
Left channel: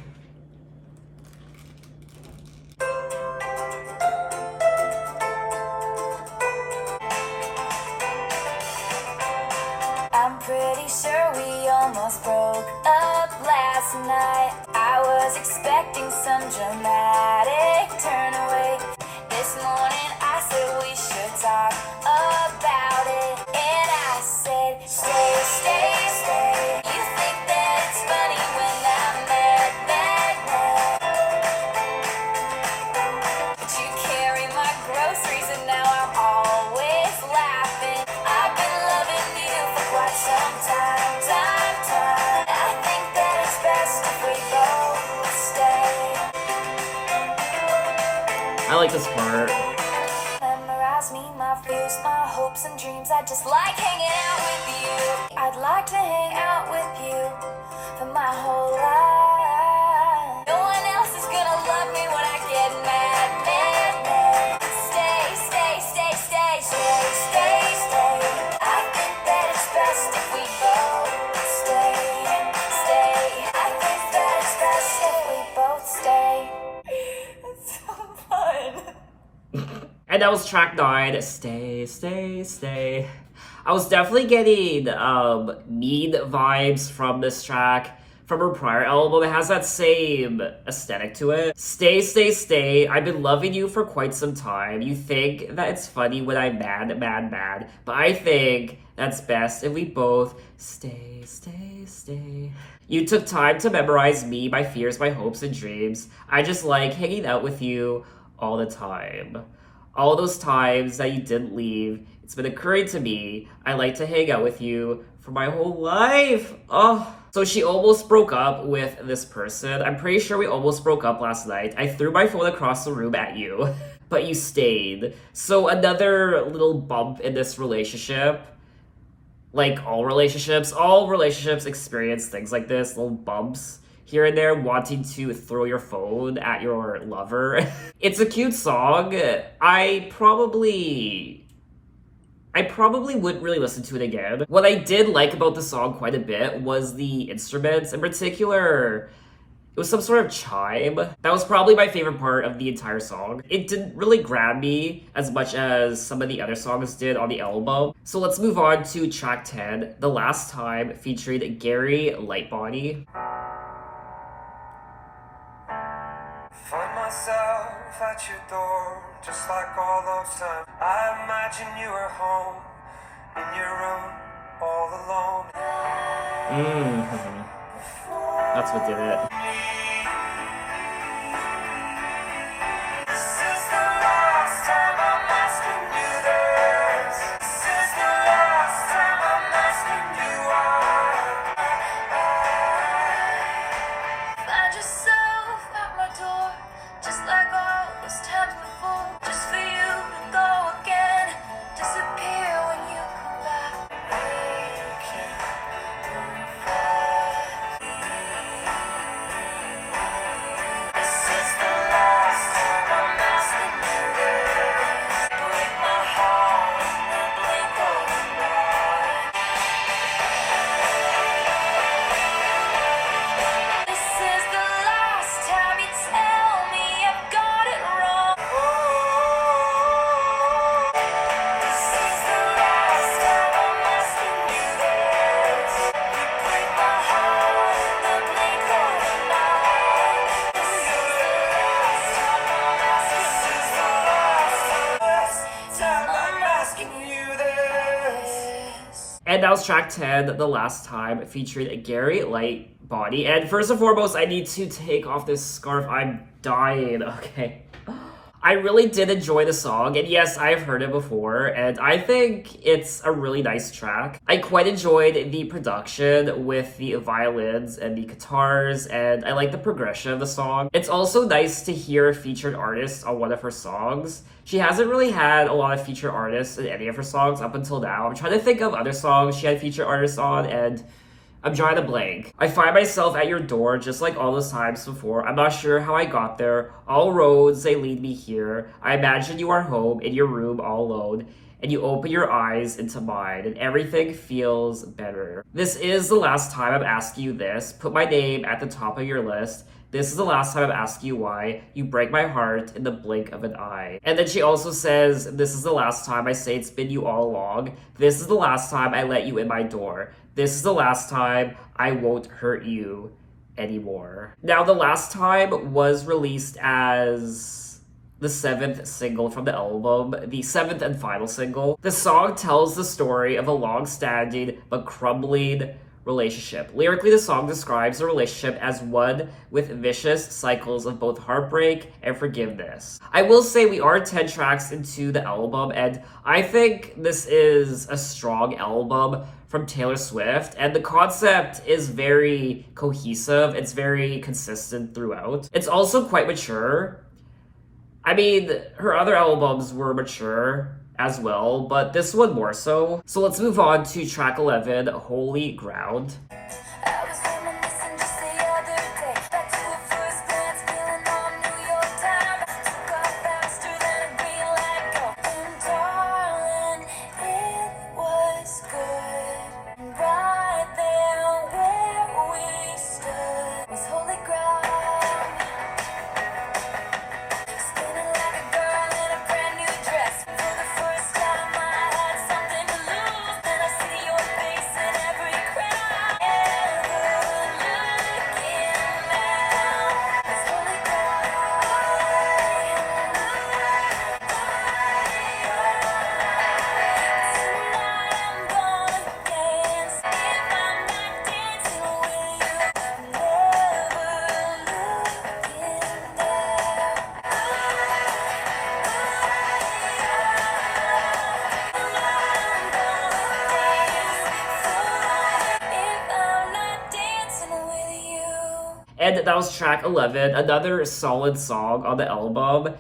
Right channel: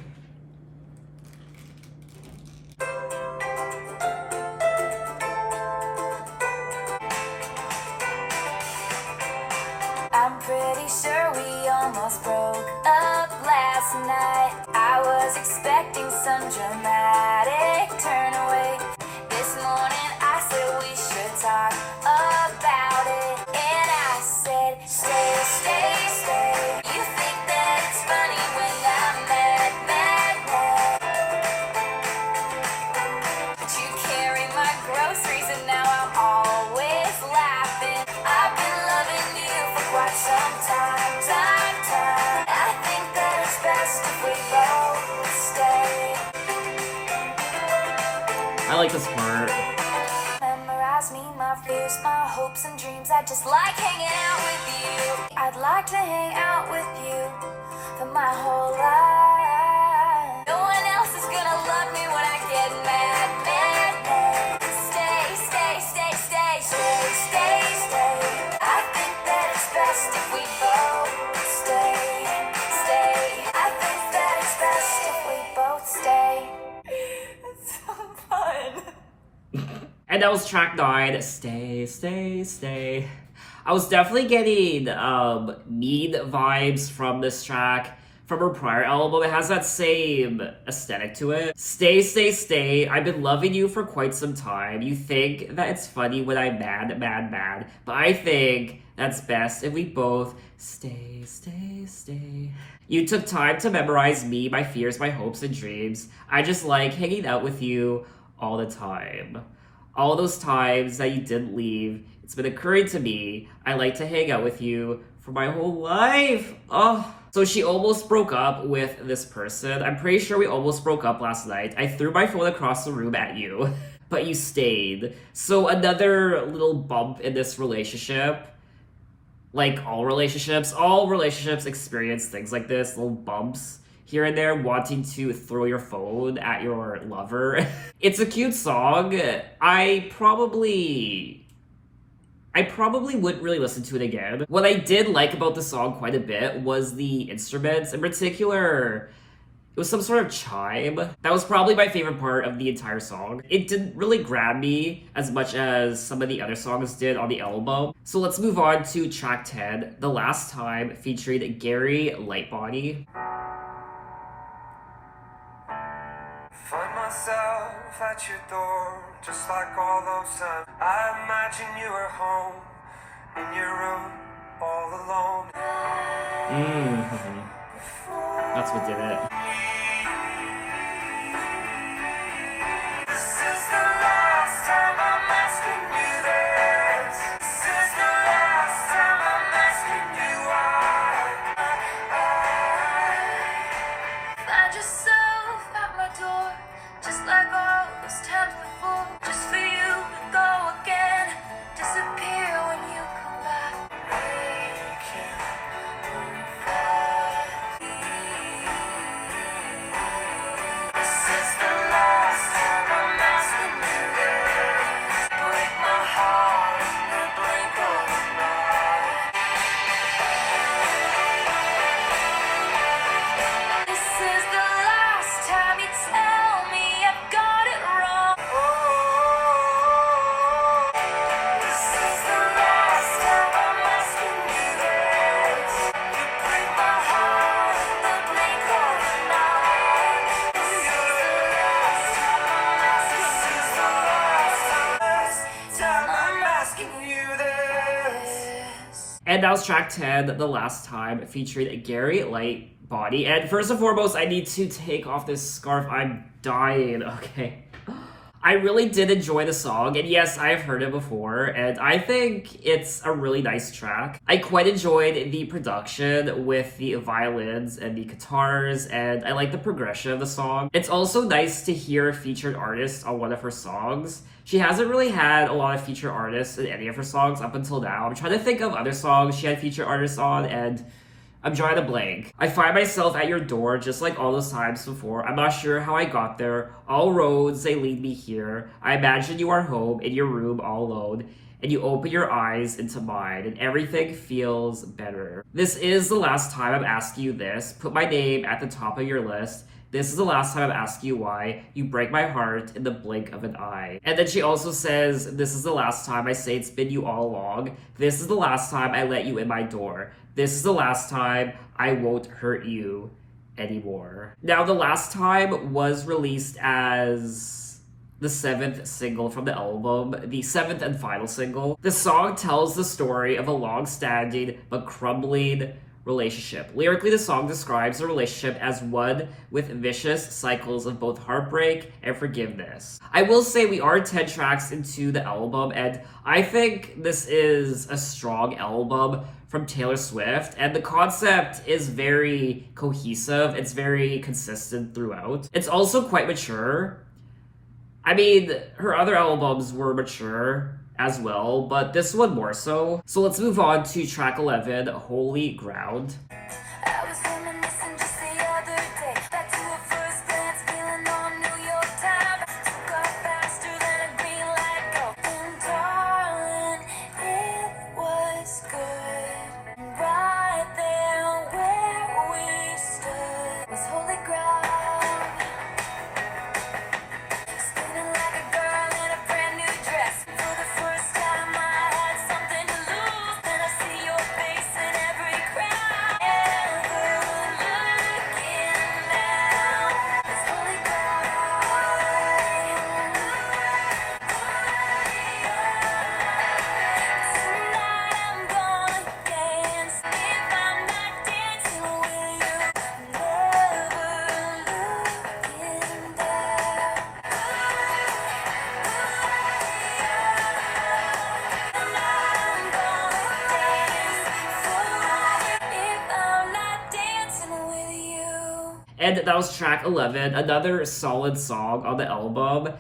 I'm pretty sure we almost broke up last night. I was expecting some dramatic turn away. This morning I said we should talk about it. And I said, stay, stay, stay. You think that it's funny when I'm mad, mad, mad. But you carry my groceries and now I'm always laughing. I've been loving you for quite some time, time. I think that it's best if we both stay. I like this part. Memorize me, my fears, my hopes and dreams. I just like hanging out with you. I'd like to hang out with you for my whole life. No one else is gonna love me when I get mad, mad, mad. Stay, stay, stay, stay, stay, stay, stay. I think that it's best if we both stay, stay. I think that it's best if we both stay. It's so fun. And that was track 9, Stay, Stay, Stay. I was definitely getting Need vibes from this track. From her prior album, it has that same aesthetic to it. Stay, stay, stay. I've been loving you for quite some time. You think that it's funny when I'm mad, mad, mad. But I think that's best if we both stay, stay, stay. You took time to memorize me, my fears, my hopes, and dreams. I just like hanging out with you all the time. All those times that you didn't leave, it's been occurring to me. I like to hang out with you for my whole life. Oh. So she almost broke up with this person. I'm pretty sure we almost broke up last night. I threw my phone across the room at you, but you stayed. So another little bump in this relationship. Like all relationships experience things like this, little bumps here and there, wanting to throw your phone at your lover. It's a cute song. I probably wouldn't really listen to it again. What I did like about the song quite a bit was the instruments. In particular, it was some sort of chime. That was probably my favorite part of the entire song. It didn't really grab me as much as some of the other songs did on the album. So let's move on to track 10, The Last Time, featuring Gary Lightbody. Find myself at your door, just like all those times. I imagine you were home, in your room, all alone. That's what did it. This is the last time I'm asking you this. This is the last time I'm asking you why. Find yourself at my door, just like all those times before. Just for you to go again, disappear when you come back. We can't move fast. This is the last time I'm asking you this. Break my heart in the blink of an eye. This is the last time you tell me I've got it wrong. This is the last time I'm asking you this. You break my heart in the blink of an eye. This is the last time I'm asking you this. And that was track 10, The Last Time, featuring Gary Lightbody. And first and foremost, I need to take off this scarf. I'm dying. Okay. I really did enjoy the song, and yes, I've heard it before, and I think it's a really nice track. I quite enjoyed the production with the violins and the guitars, and I like the progression of the song. It's also nice to hear a featured artist on one of her songs. She hasn't really had a lot of featured artists in any of her songs up until now. I'm trying to think of other songs she had featured artists on, and I'm drawing a blank. I find myself at your door just like all those times before. I'm not sure how I got there. All roads, they lead me here. I imagine you are home in your room all alone, and you open your eyes into mine, and everything feels better. This is the last time I'm asking you this. Put my name at the top of your list. This is the last time I'm asking you why. You break my heart in the blink of an eye. And then she also says, this is the last time I say it's been you all along. This is the last time I let you in my door. This is the last time I won't hurt you anymore. Now, The Last Time was released as the 7th single from the album, the 7th and final single. The song tells the story of a long-standing but crumbling relationship. Lyrically, the song describes the relationship as one with vicious cycles of both heartbreak and forgiveness. I will say we are 10 tracks into the album, and I think this is a strong album from Taylor Swift, and the concept is very cohesive. It's very consistent throughout. It's also quite mature. I mean, her other albums were mature as well, but this one more so. So let's move on to track 11, Holy Ground. I was reminiscing just the other day. Back to a first glance, feeling all New York time. Took off faster than a green light go. And darling, it was good. And right there where we stood was holy ground. Spinning like a girl in a brand new dress. For the first time I had something to lose. Then I see your face in every crowd. And that was track 11, another solid song on the album.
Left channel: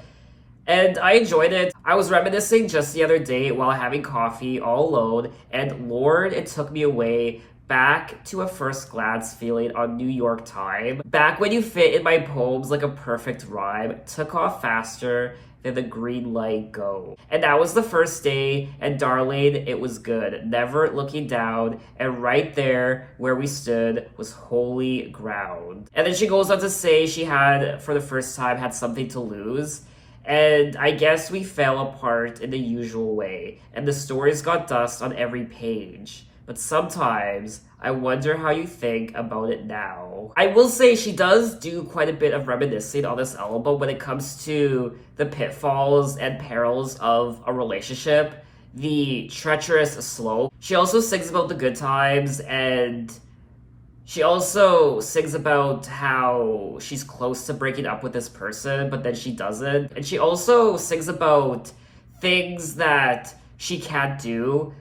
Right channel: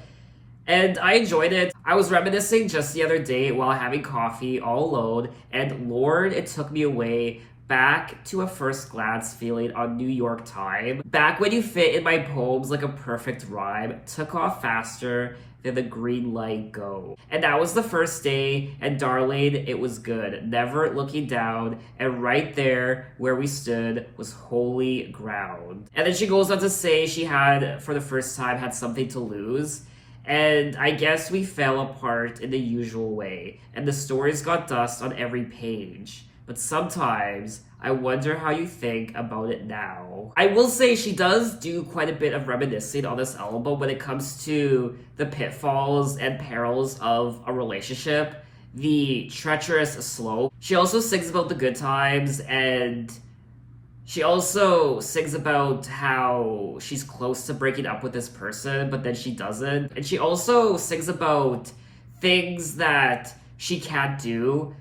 And I enjoyed it. I was reminiscing just the other day while having coffee all alone, and Lord, it took me away back to a first glance feeling on New York time. Back when you fit in my poems like a perfect rhyme, took off faster than the green light go. And that was the first day, and darling, it was good. Never looking down, and right there where we stood was holy ground. And then she goes on to say she had, for the first time, had something to lose. And I guess we fell apart in the usual way, and the stories got dust on every page. But sometimes I wonder how you think about it now. I will say she does do quite a bit of reminiscing on this album when it comes to the pitfalls and perils of a relationship, the treacherous slope. She also sings about the good times, and she also sings about how she's close to breaking up with this person, but then she doesn't. And she also sings about things that she can't do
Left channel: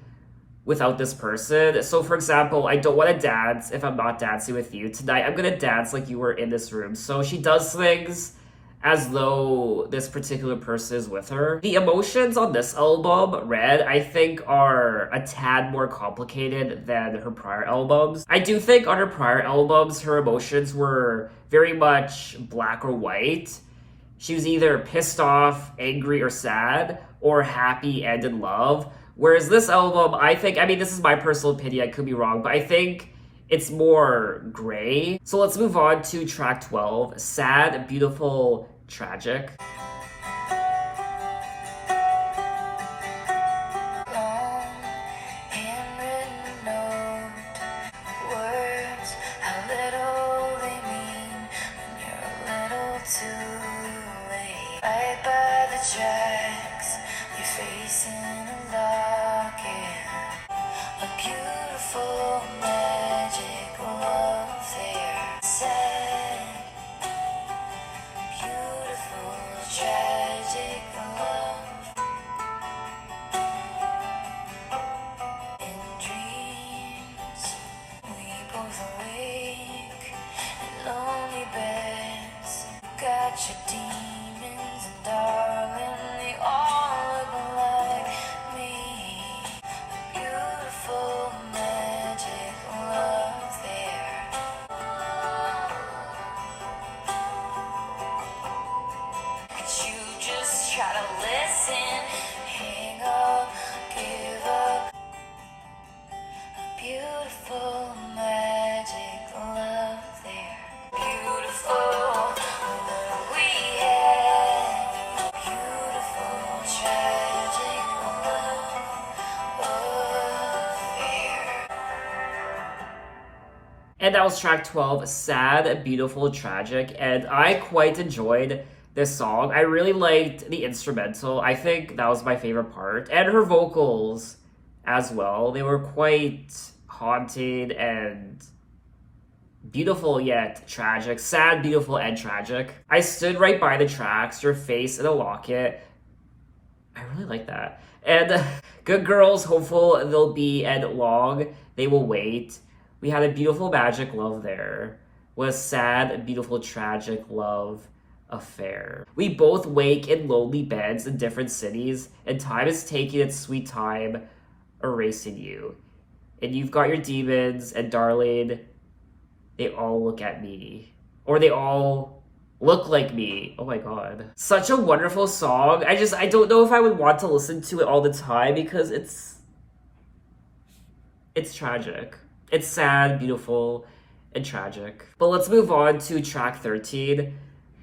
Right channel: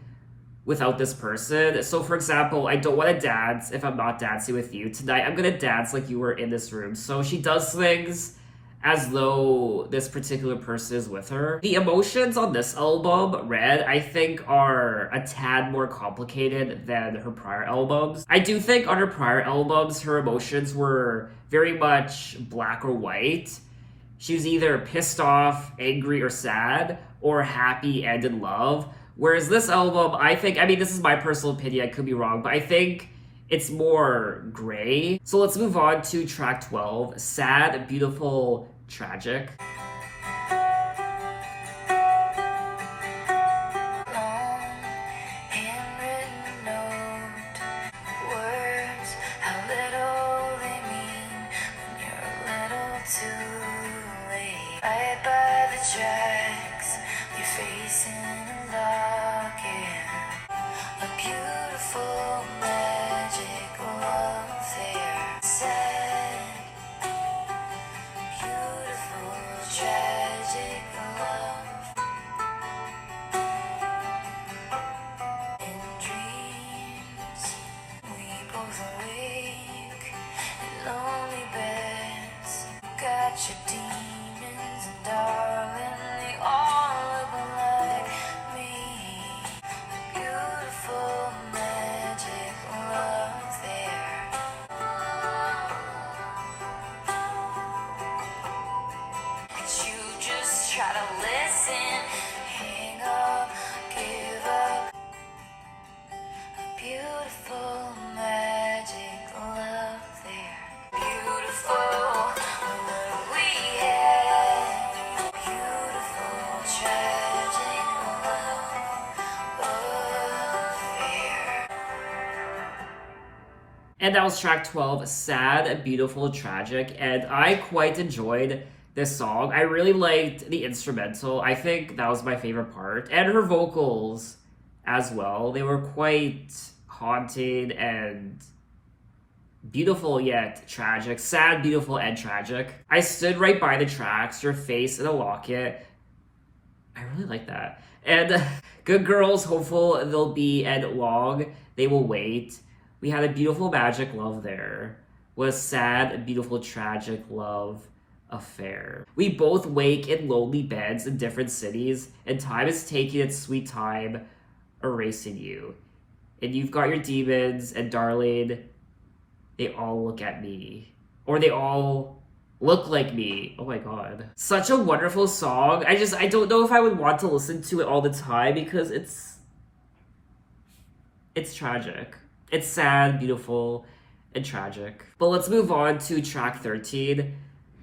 without this person. So for example, I don't want to dance if I'm not dancing with you. Tonight I'm gonna dance like you were in this room. So she does things as though this particular person is with her. The emotions on this album, Red, I think are a tad more complicated than her prior albums. I do think on her prior albums, her emotions were very much black or white. She was either pissed off, angry, or sad, or happy and in love. Whereas this album, I think, I mean, this is my personal opinion, I could be wrong, but I think it's more gray. So let's move on to track 12, Sad, Beautiful, Tragic. Long handwritten note, words, how little they mean when you're a little too late. Right by the tracks, your face in a locket, a beautiful magic love there. Sad, beautiful, tragic love. In dreams, we both awake in lonely beds. Got your demons, and darling, they all look like me. Beautiful magic love there. Could you just try to listen? Hang up, give up. Beautiful magic love there. Beautiful what we had. Beautiful tragic love there. And that was track 12, Sad, Beautiful, Tragic. And I quite enjoyed this song. I really liked the instrumental. I think that was my favorite part. And her vocals as well. They were quite haunted and beautiful yet tragic. Sad, beautiful, and tragic. I stood right by the tracks, your face in a locket. I really like that. And good girls, hopeful they'll be, and long they will wait. We had a beautiful magic love there. Was sad, beautiful, tragic love affair. We both wake in lonely beds in different cities, and time is taking its sweet time erasing you. And you've got your demons, and darling, they all look at me. Or they all look like me. Oh my god. Such a wonderful song. I don't know if I would want to listen to it all the time because it's tragic. It's sad, beautiful, and tragic. But let's move on to track 13,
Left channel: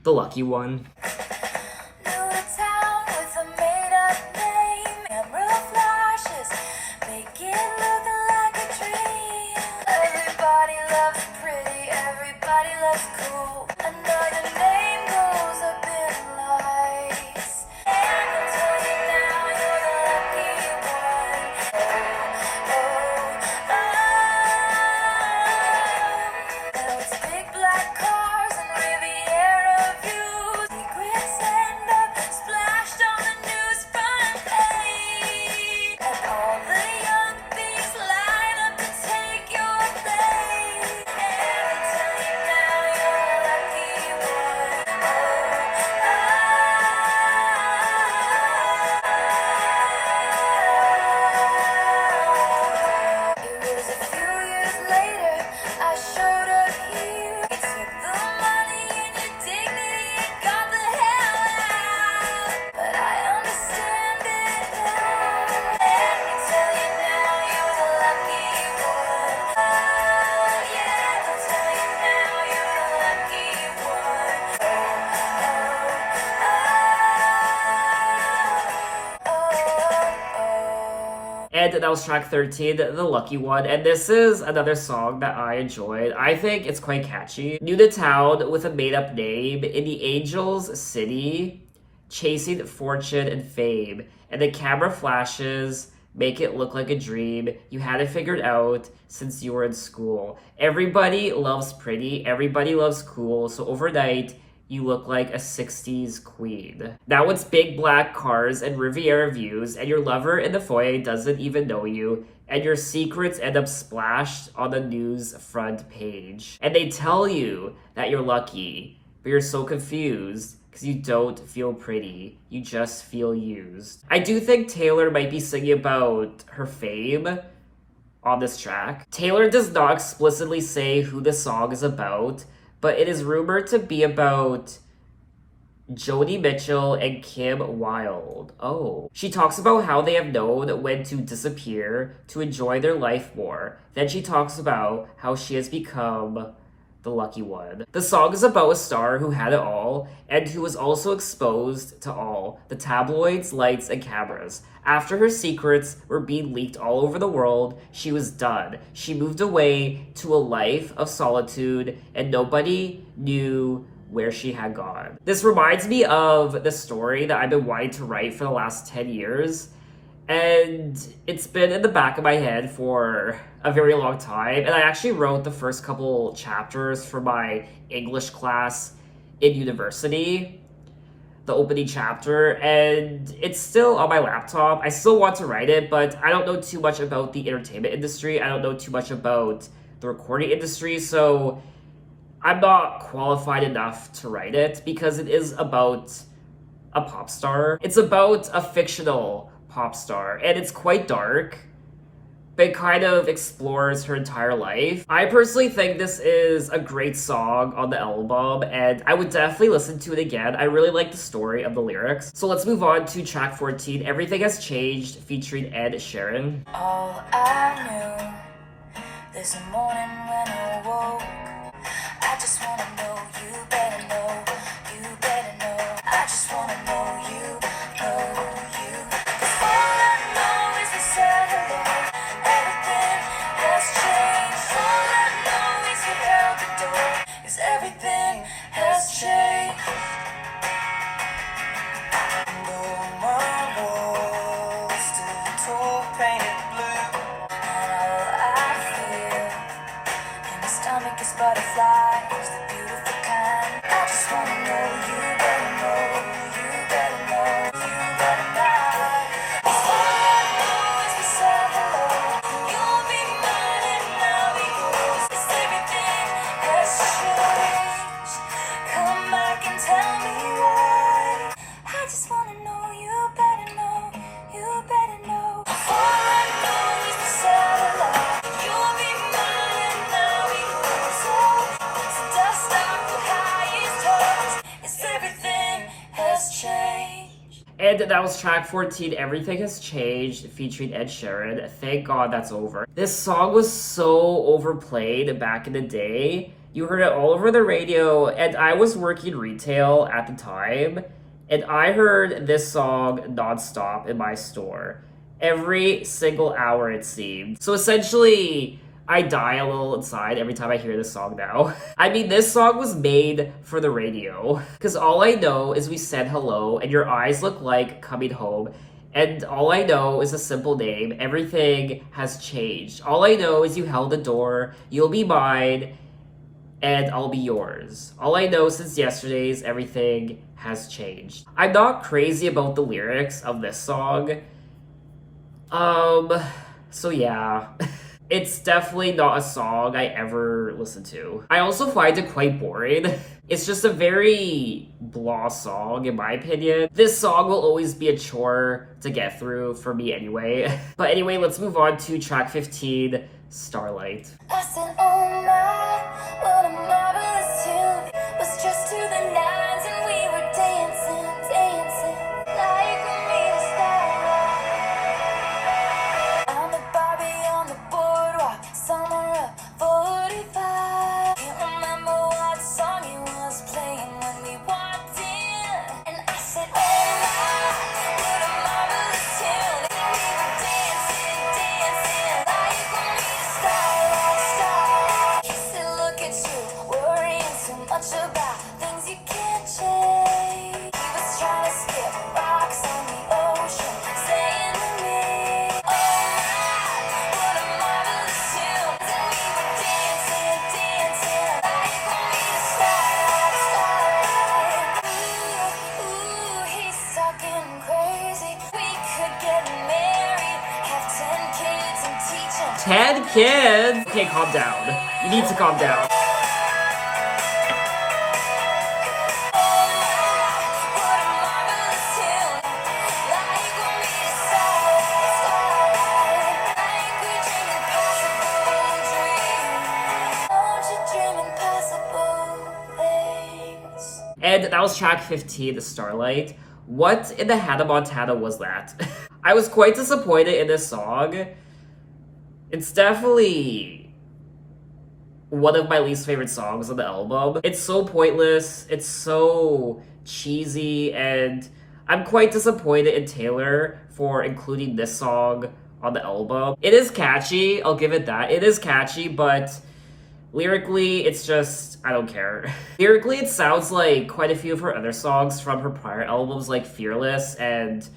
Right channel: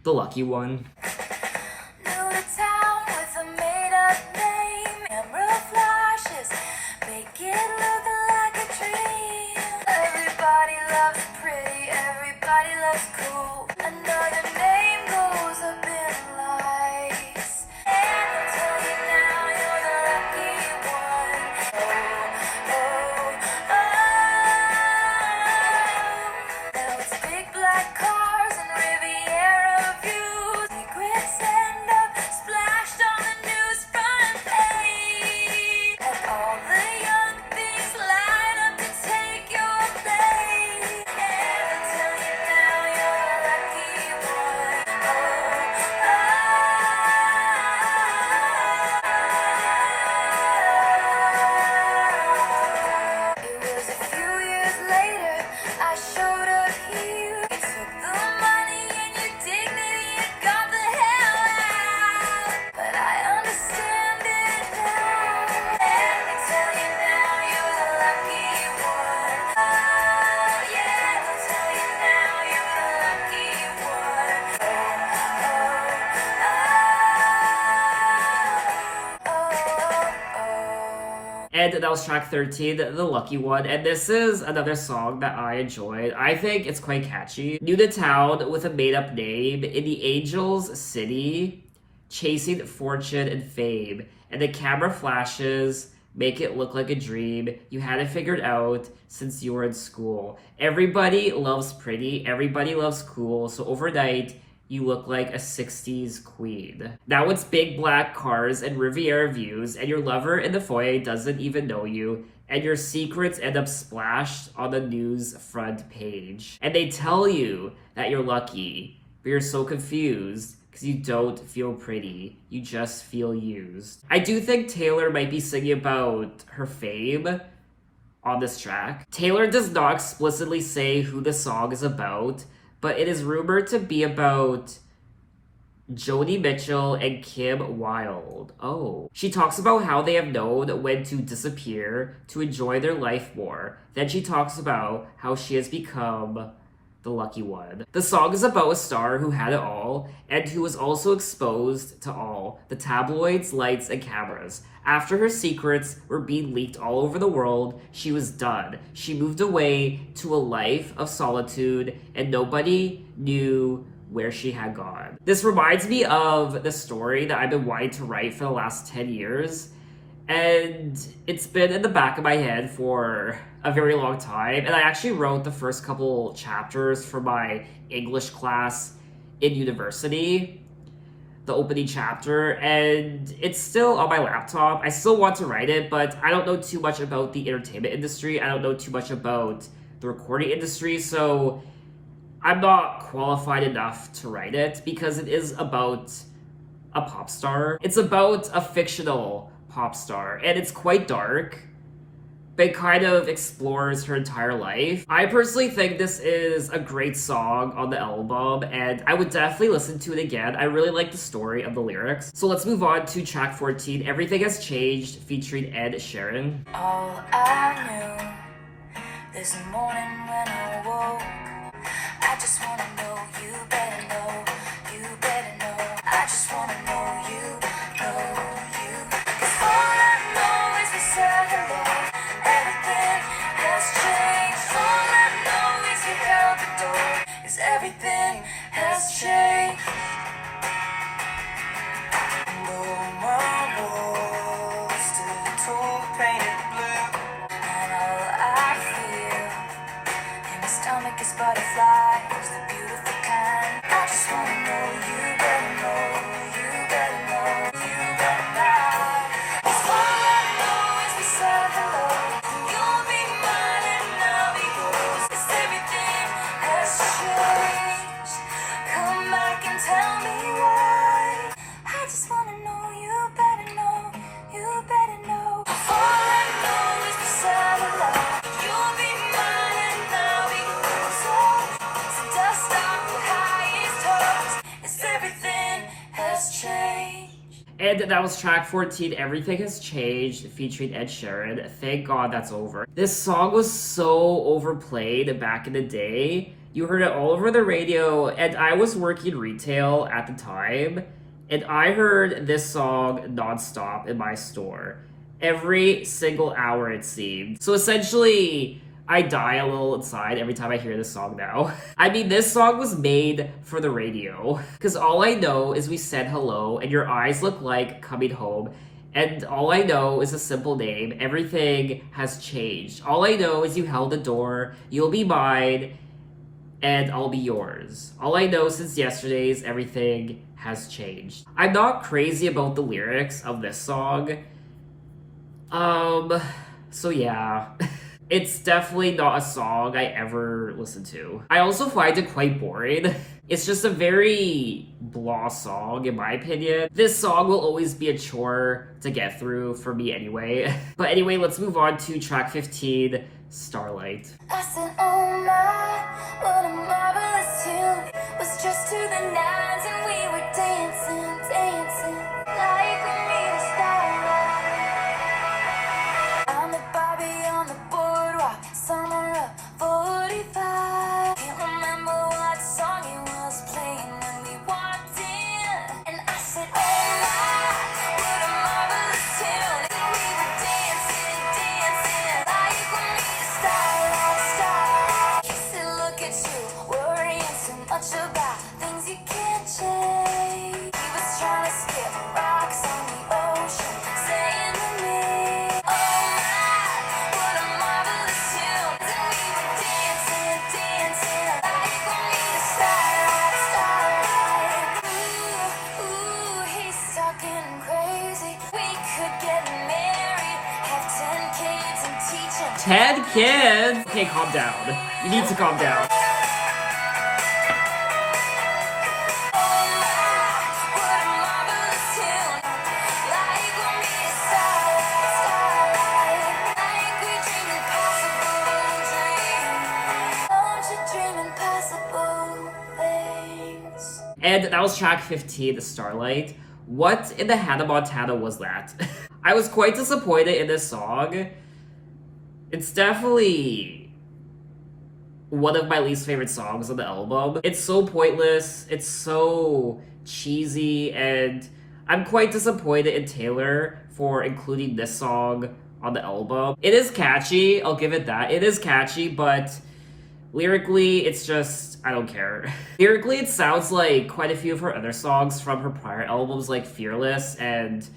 The Lucky One. New to town with a made-up name. Camera flashes make it look like a dream. Everybody loves pretty, everybody loves cool. I know your name goes up in lights. And I'll tell you now, you're the lucky one. Oh, oh, oh. Now it's big black cars and Riviera views. Secrets end up splashed on the news front page. And all the young thieves line up to take your place. And I tell you now, you're a lucky one. Oh, oh. It was a few years later, I showed up here. You took the money and your dignity and got the hell out. But I understand it now. Let me tell you now, you're the lucky one. Oh, yeah, let me tell you now, you're the lucky one. Oh, oh, oh, oh. And that was track 13, The Lucky One. And this is another song that I enjoyed. I think it's quite catchy. New to town with a made-up name in the Angels City, chasing fortune and fame. And the camera flashes make it look like a dream you had it figured out since you were in school. Everybody loves pretty, everybody loves cool, so overnight you look like a 60s queen. Now it's big black cars and Riviera views, and your lover in the foyer doesn't even know you, and your secrets end up splashed on the news front page. And they tell you that you're lucky, but you're so confused because you don't feel pretty. You just feel used. I do think Taylor might be singing about her fame on this track. Taylor does not explicitly say who the song is about, but it is rumored to be about Joni Mitchell and Kim Wilde. Oh. She talks about how they have known when to disappear to enjoy their life more. Then she talks about how she has become the lucky one. The song is about a star who had it all and who was also exposed to all the tabloids, lights, and cameras. After her secrets were being leaked all over the world, she was done. She moved away to a life of solitude and nobody knew where she had gone. This reminds me of the story that I've been wanting to write for the last 10 years. And it's been in the back of my head for a very long time. And I actually wrote the first couple chapters for my English class in university, the opening chapter, and it's still on my laptop. I still want to write it, but I don't know too much about the entertainment industry. I don't know too much about the recording industry, so I'm not qualified enough to write it because it is about a pop star. It's about a fictional pop star, and it's quite dark, but it kind of explores her entire life. I personally think this is a great song on the album, and I would definitely listen to it again. I really like the story of the lyrics. So let's move on to track 14, Everything Has Changed, featuring Ed Sheeran. All I knew this morning when I woke, I just wanna know you better know, you better know. I just wanna know you, know you. 'Cause all I know is we said hello. Everything has changed. All I know is we held the door. 'Cause everything has changed. And all my walls still tall painted blue. And all I feel And that was track 14, Everything Has Changed, featuring Ed Sheeran. Thank God that's over. This song was so overplayed back in the day. You heard it all over the radio, and I was working retail at the time, and I heard this song nonstop in my store. Every single hour, it seemed. So essentially, I die a little inside every time I hear this song now. I mean, this song was made for the radio. Because all I know is we said hello, and your eyes look like coming home. And all I know is a simple name. Everything has changed. All I know is you held the door, you'll be mine, and I'll be yours. All I know since yesterday's everything has changed. I'm not crazy about the lyrics of this song. So yeah. It's definitely not a song I ever listen to. I also find it quite boring. It's just a very blah song, in my opinion. This song will always be a chore to get through for me anyway. But anyway, let's move on to track 15, Starlight. I said, oh my, what a marvelous tune. Was just to the nines and we were dancing, dancing. Like we made a starlight. I'm the Barbie on the boardwalk, summer of 45. Can't remember what song you was playing when we walked in. And I said, oh my, what a marvelous tune. And we were dancing, dancing. Like we made a starlight, starlight. He said, look at you, worrying too much about things you can't change. He was trying to skip rocks on the ocean, saying to me, oh my, what a marvelous tune. Then we were dancing, dancing. Like we made a starlight, starlight. Ooh, ooh, he's talking crazy. We could get married, have 10 kids and teach 'em. 10 kids? Okay, calm down. You need to calm down. And that was track 15, Starlight. What in the Hannah Montana was that? I was quite disappointed in this song. It's definitely one of my least favorite songs on the album. It's so pointless, it's so cheesy, and I'm quite disappointed in Taylor for including this song on the album. It is catchy, I'll give it that. It is catchy, but lyrically, it's just, I don't care. Lyrically, it sounds like quite a few of her other songs from her prior albums, like Fearless and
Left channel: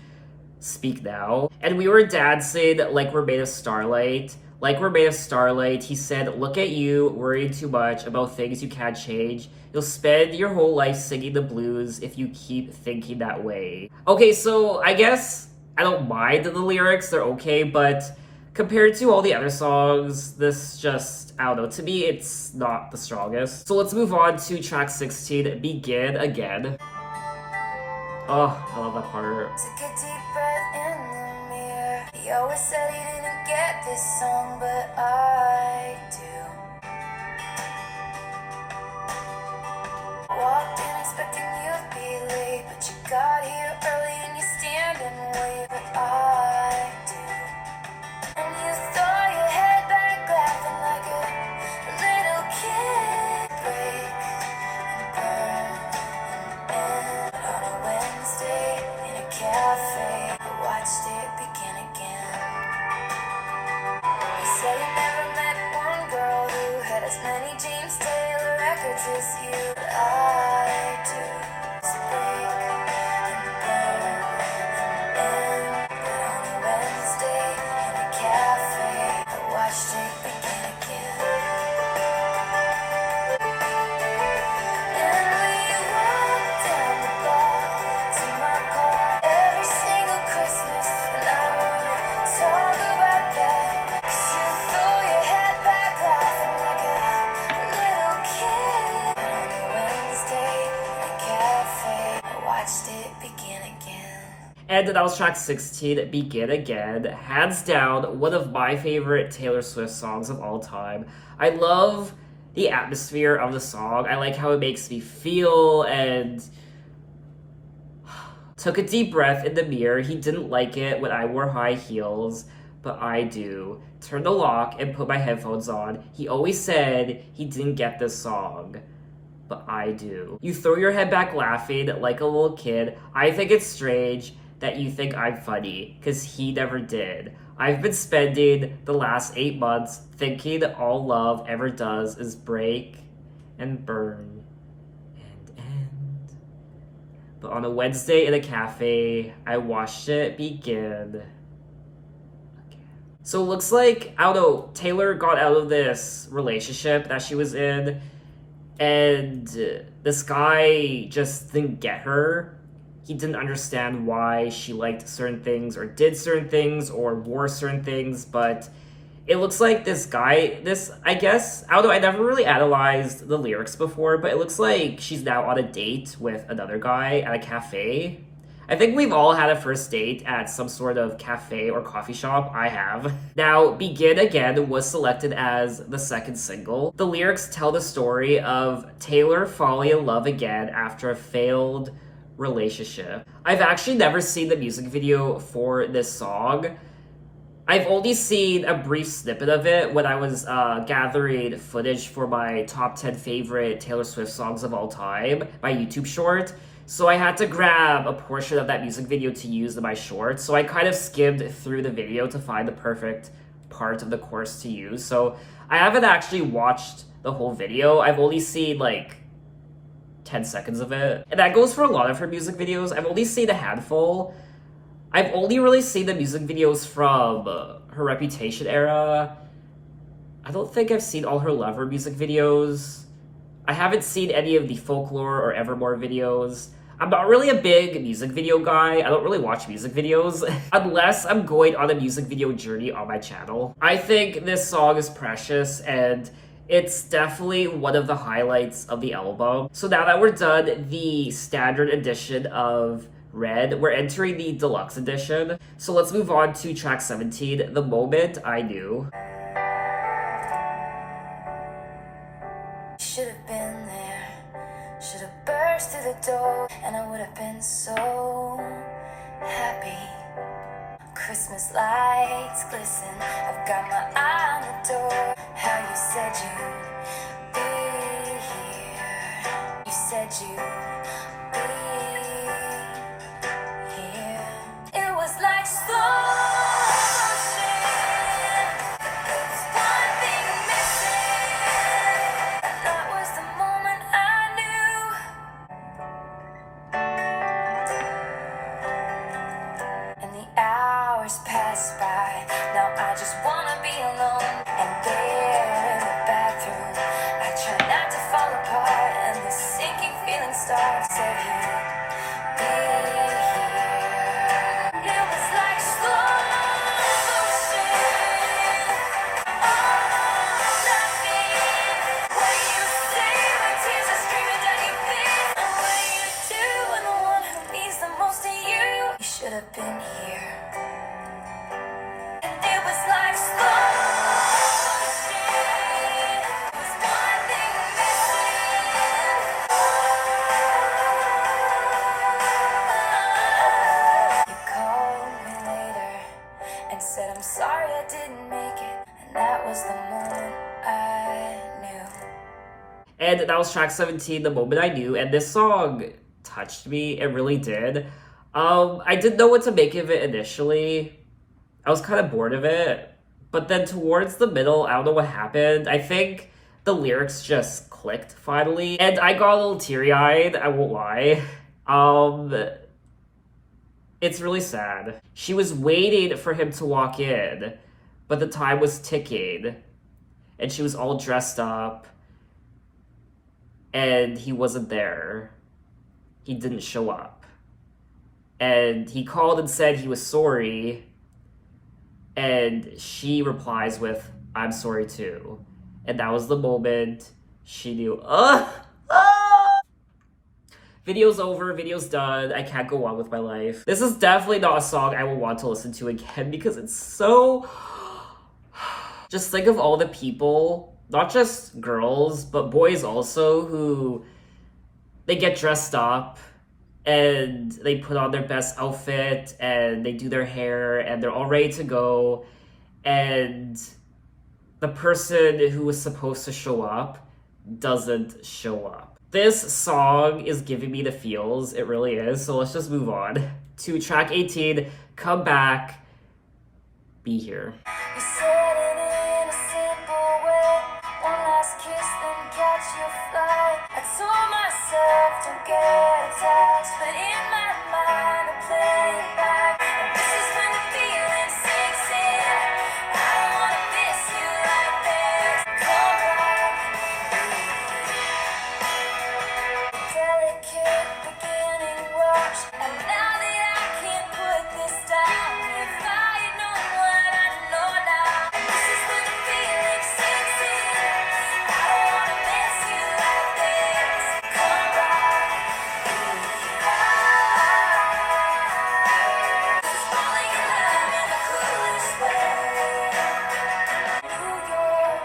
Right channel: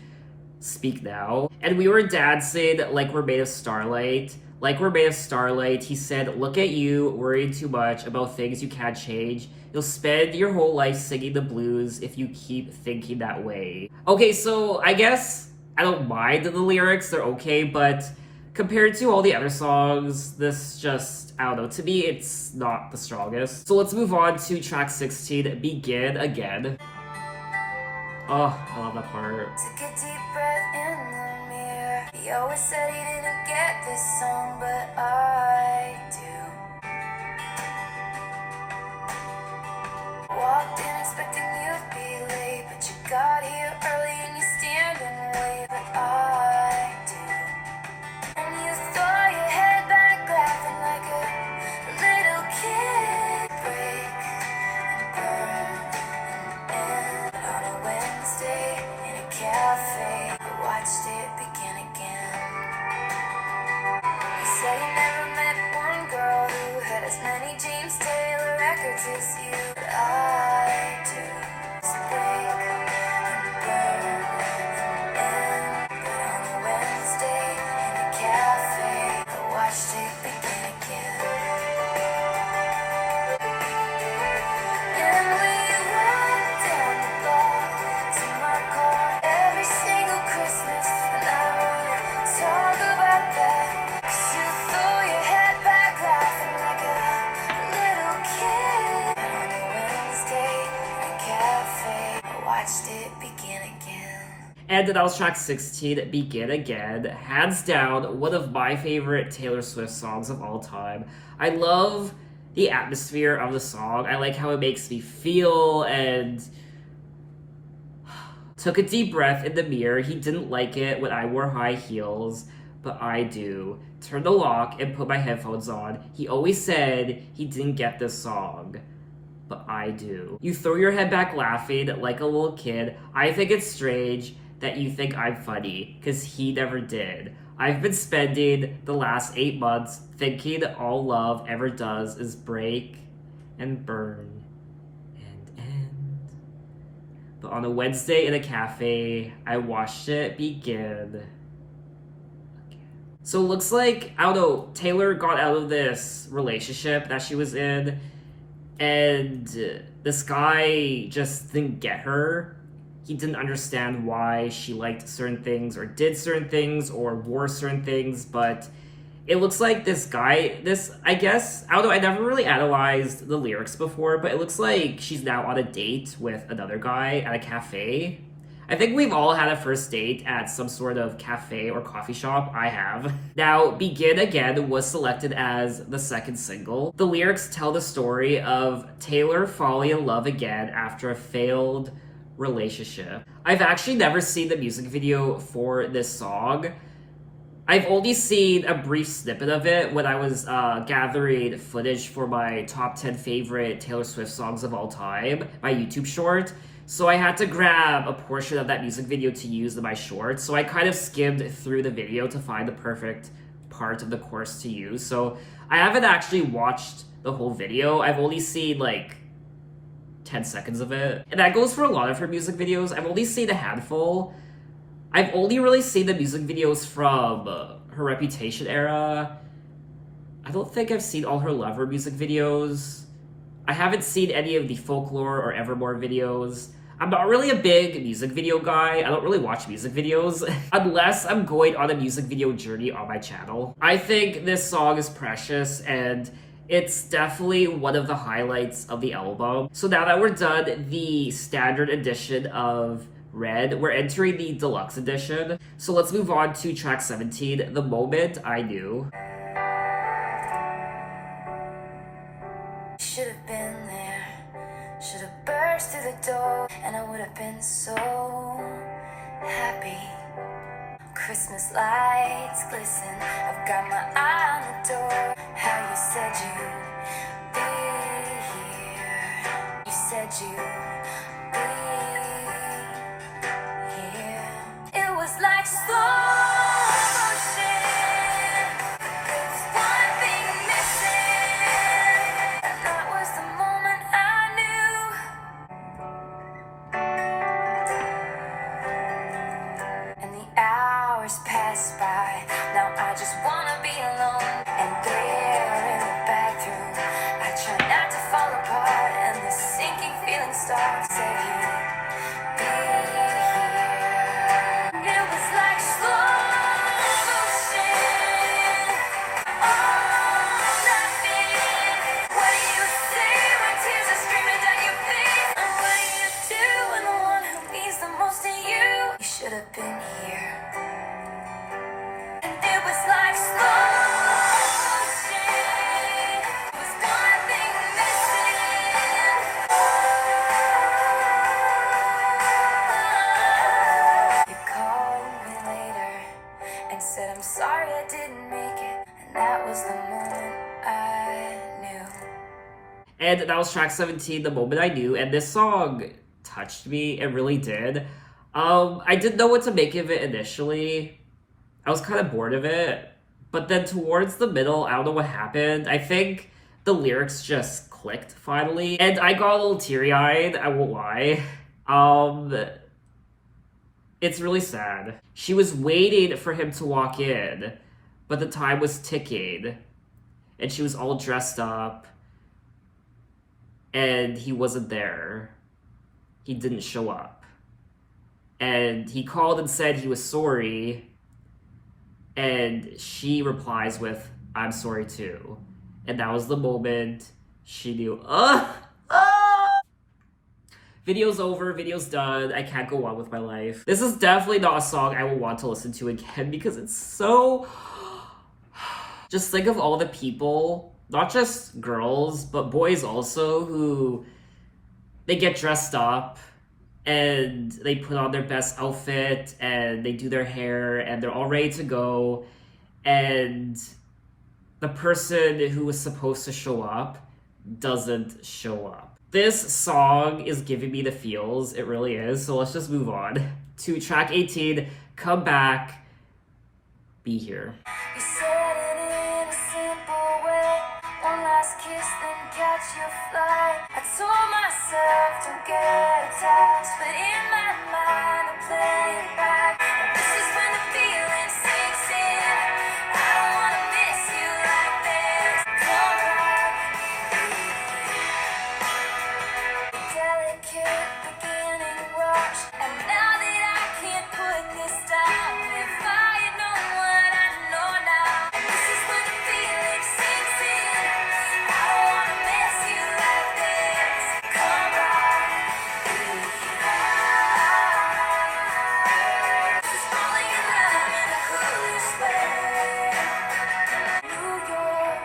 Speak Now. And we were dancing like we're made of starlight. Like we're made of starlight. He said, look at you, worrying too much about things you can't change. You'll spend your whole life singing the blues if you keep thinking that way. Okay, so I guess I don't mind the lyrics, they're okay, but compared to all the other songs, this just, I don't know, to me it's not the strongest. So let's move on to track 16, Begin Again. Oh, I love that part. Took a deep breath in the mirror. He always said he didn't get this song, but I do. Walked in expecting you'd be late, but you got here early and you stand and wait, but I do. And you throw your head back laughing like a little kid. Break and burn and end. But on a Wednesday in a cafe, I watched it begin again. You say you never met one girl who had as many James Taylor records as you. But I do. Just break and burn and end. But on a Wednesday in a cafe, I watched it begin again. And we walked down the block to my car every single Christmas. And I wanna talk about that. 'Cause you throw your head back laughing like a little kid. And on a Wednesday in a cafe, I watched it begin again. And that was track 16, Begin Again. Hands down, one of my favorite Taylor Swift songs of all time. I love the atmosphere of the song. I like how it makes me feel, and Took a deep breath in the mirror. He didn't like it when I wore high heels, but I do. Turned the lock and put my headphones on. He always said he didn't get this song, but I do. You throw your head back laughing like a little kid. I think it's strange that you think I'm funny, cause he never did. I've been spending the last 8 months thinking all love ever does is break and burn and end. But on a Wednesday in a cafe, I watched it begin. So it looks like, I don't know, Taylor got out of this relationship that she was in, and this guy just didn't get her. He didn't understand why she liked certain things or did certain things or wore certain things, but it looks like this guy, I guess, I don't know, I never really analyzed the lyrics before, but it looks like she's now on a date with another guy at a cafe. I think we've all had a first date at some sort of cafe or coffee shop. I have. Now, Begin Again was selected as the second single. The lyrics tell the story of Taylor falling in love again after a failed relationship. I've actually never seen the music video for this song. I've only seen a brief snippet of it when I was gathering footage for my top 10 favorite Taylor Swift songs of all time, my YouTube short. So I had to grab a portion of that music video to use in my shorts. So I kind of skimmed through the video to find the perfect part of the chorus to use. So I haven't actually watched the whole video. I've only seen like 10 seconds of it. And that goes for a lot of her music videos. I've only seen a handful. I've only really seen the music videos from her Reputation era. I don't think I've seen all her Lover music videos. I haven't seen any of the Folklore or Evermore videos. I'm not really a big music video guy. I don't really watch music videos unless I'm going on a music video journey on my channel. I think this song is precious and it's definitely one of the highlights of the album. So now that we're done the standard edition of Red, we're entering the deluxe edition. So let's move on to track 17, The Moment I Knew. Should have been there, should have burst through the door, and I would have been so happy. Christmas lights glisten, I've got my eye on the door. How you said you'd be here, you said you'd be here. It was like slow motion, there was one thing missing, and that was the moment I knew. And the hours pass by, now I just wanna be alone. And there in the bathroom, I try not to fall apart, and the sinking feeling starts. Said you'd be here. It was like slow motion, all nothing. What do you say when tears are streaming down your face? And what do you do when the one who means the most to you? You should have been here. And it was like slow motion, there was one thing missing. You called me later and said I'm sorry I didn't make it, and that was the moment I knew. And that was track 17, The Moment I Knew, and this song touched me. It really did. I didn't know what to make of it initially. I was kind of bored of it. But then towards the middle, I don't know what happened. I think the lyrics just clicked finally. And I got a little teary-eyed, I won't lie. It's really sad. She was waiting for him to walk in, but the time was ticking. And she was all dressed up. And he wasn't there. He didn't show up. And he called and said he was sorry. And she replies with, I'm sorry too. And that was the moment she knew, video's over, video's done, I can't go on with my life. This is definitely not a song I will want to listen to again because it's so... Just think of all the people, not just girls, but boys also, who they get dressed up and they put on their best outfit and they do their hair and they're all ready to go, and the person who was supposed to show up doesn't show up. This song is giving me the feels, it really is, so let's just move on to track 18, Come Back, Be Here. You said it in a simple way. One last kiss, then catch your flight. I told myself don't get attached, but in my mind I play it back. And this is when the feeling sinks in. I don't wanna miss you like this. Come back, delicate beginning rush, and now that I can't put this down, if I had known what I know now, and this is when the feeling sinks in. I don't wanna miss you like this. Come back, this is falling in love in the coolest way. New York,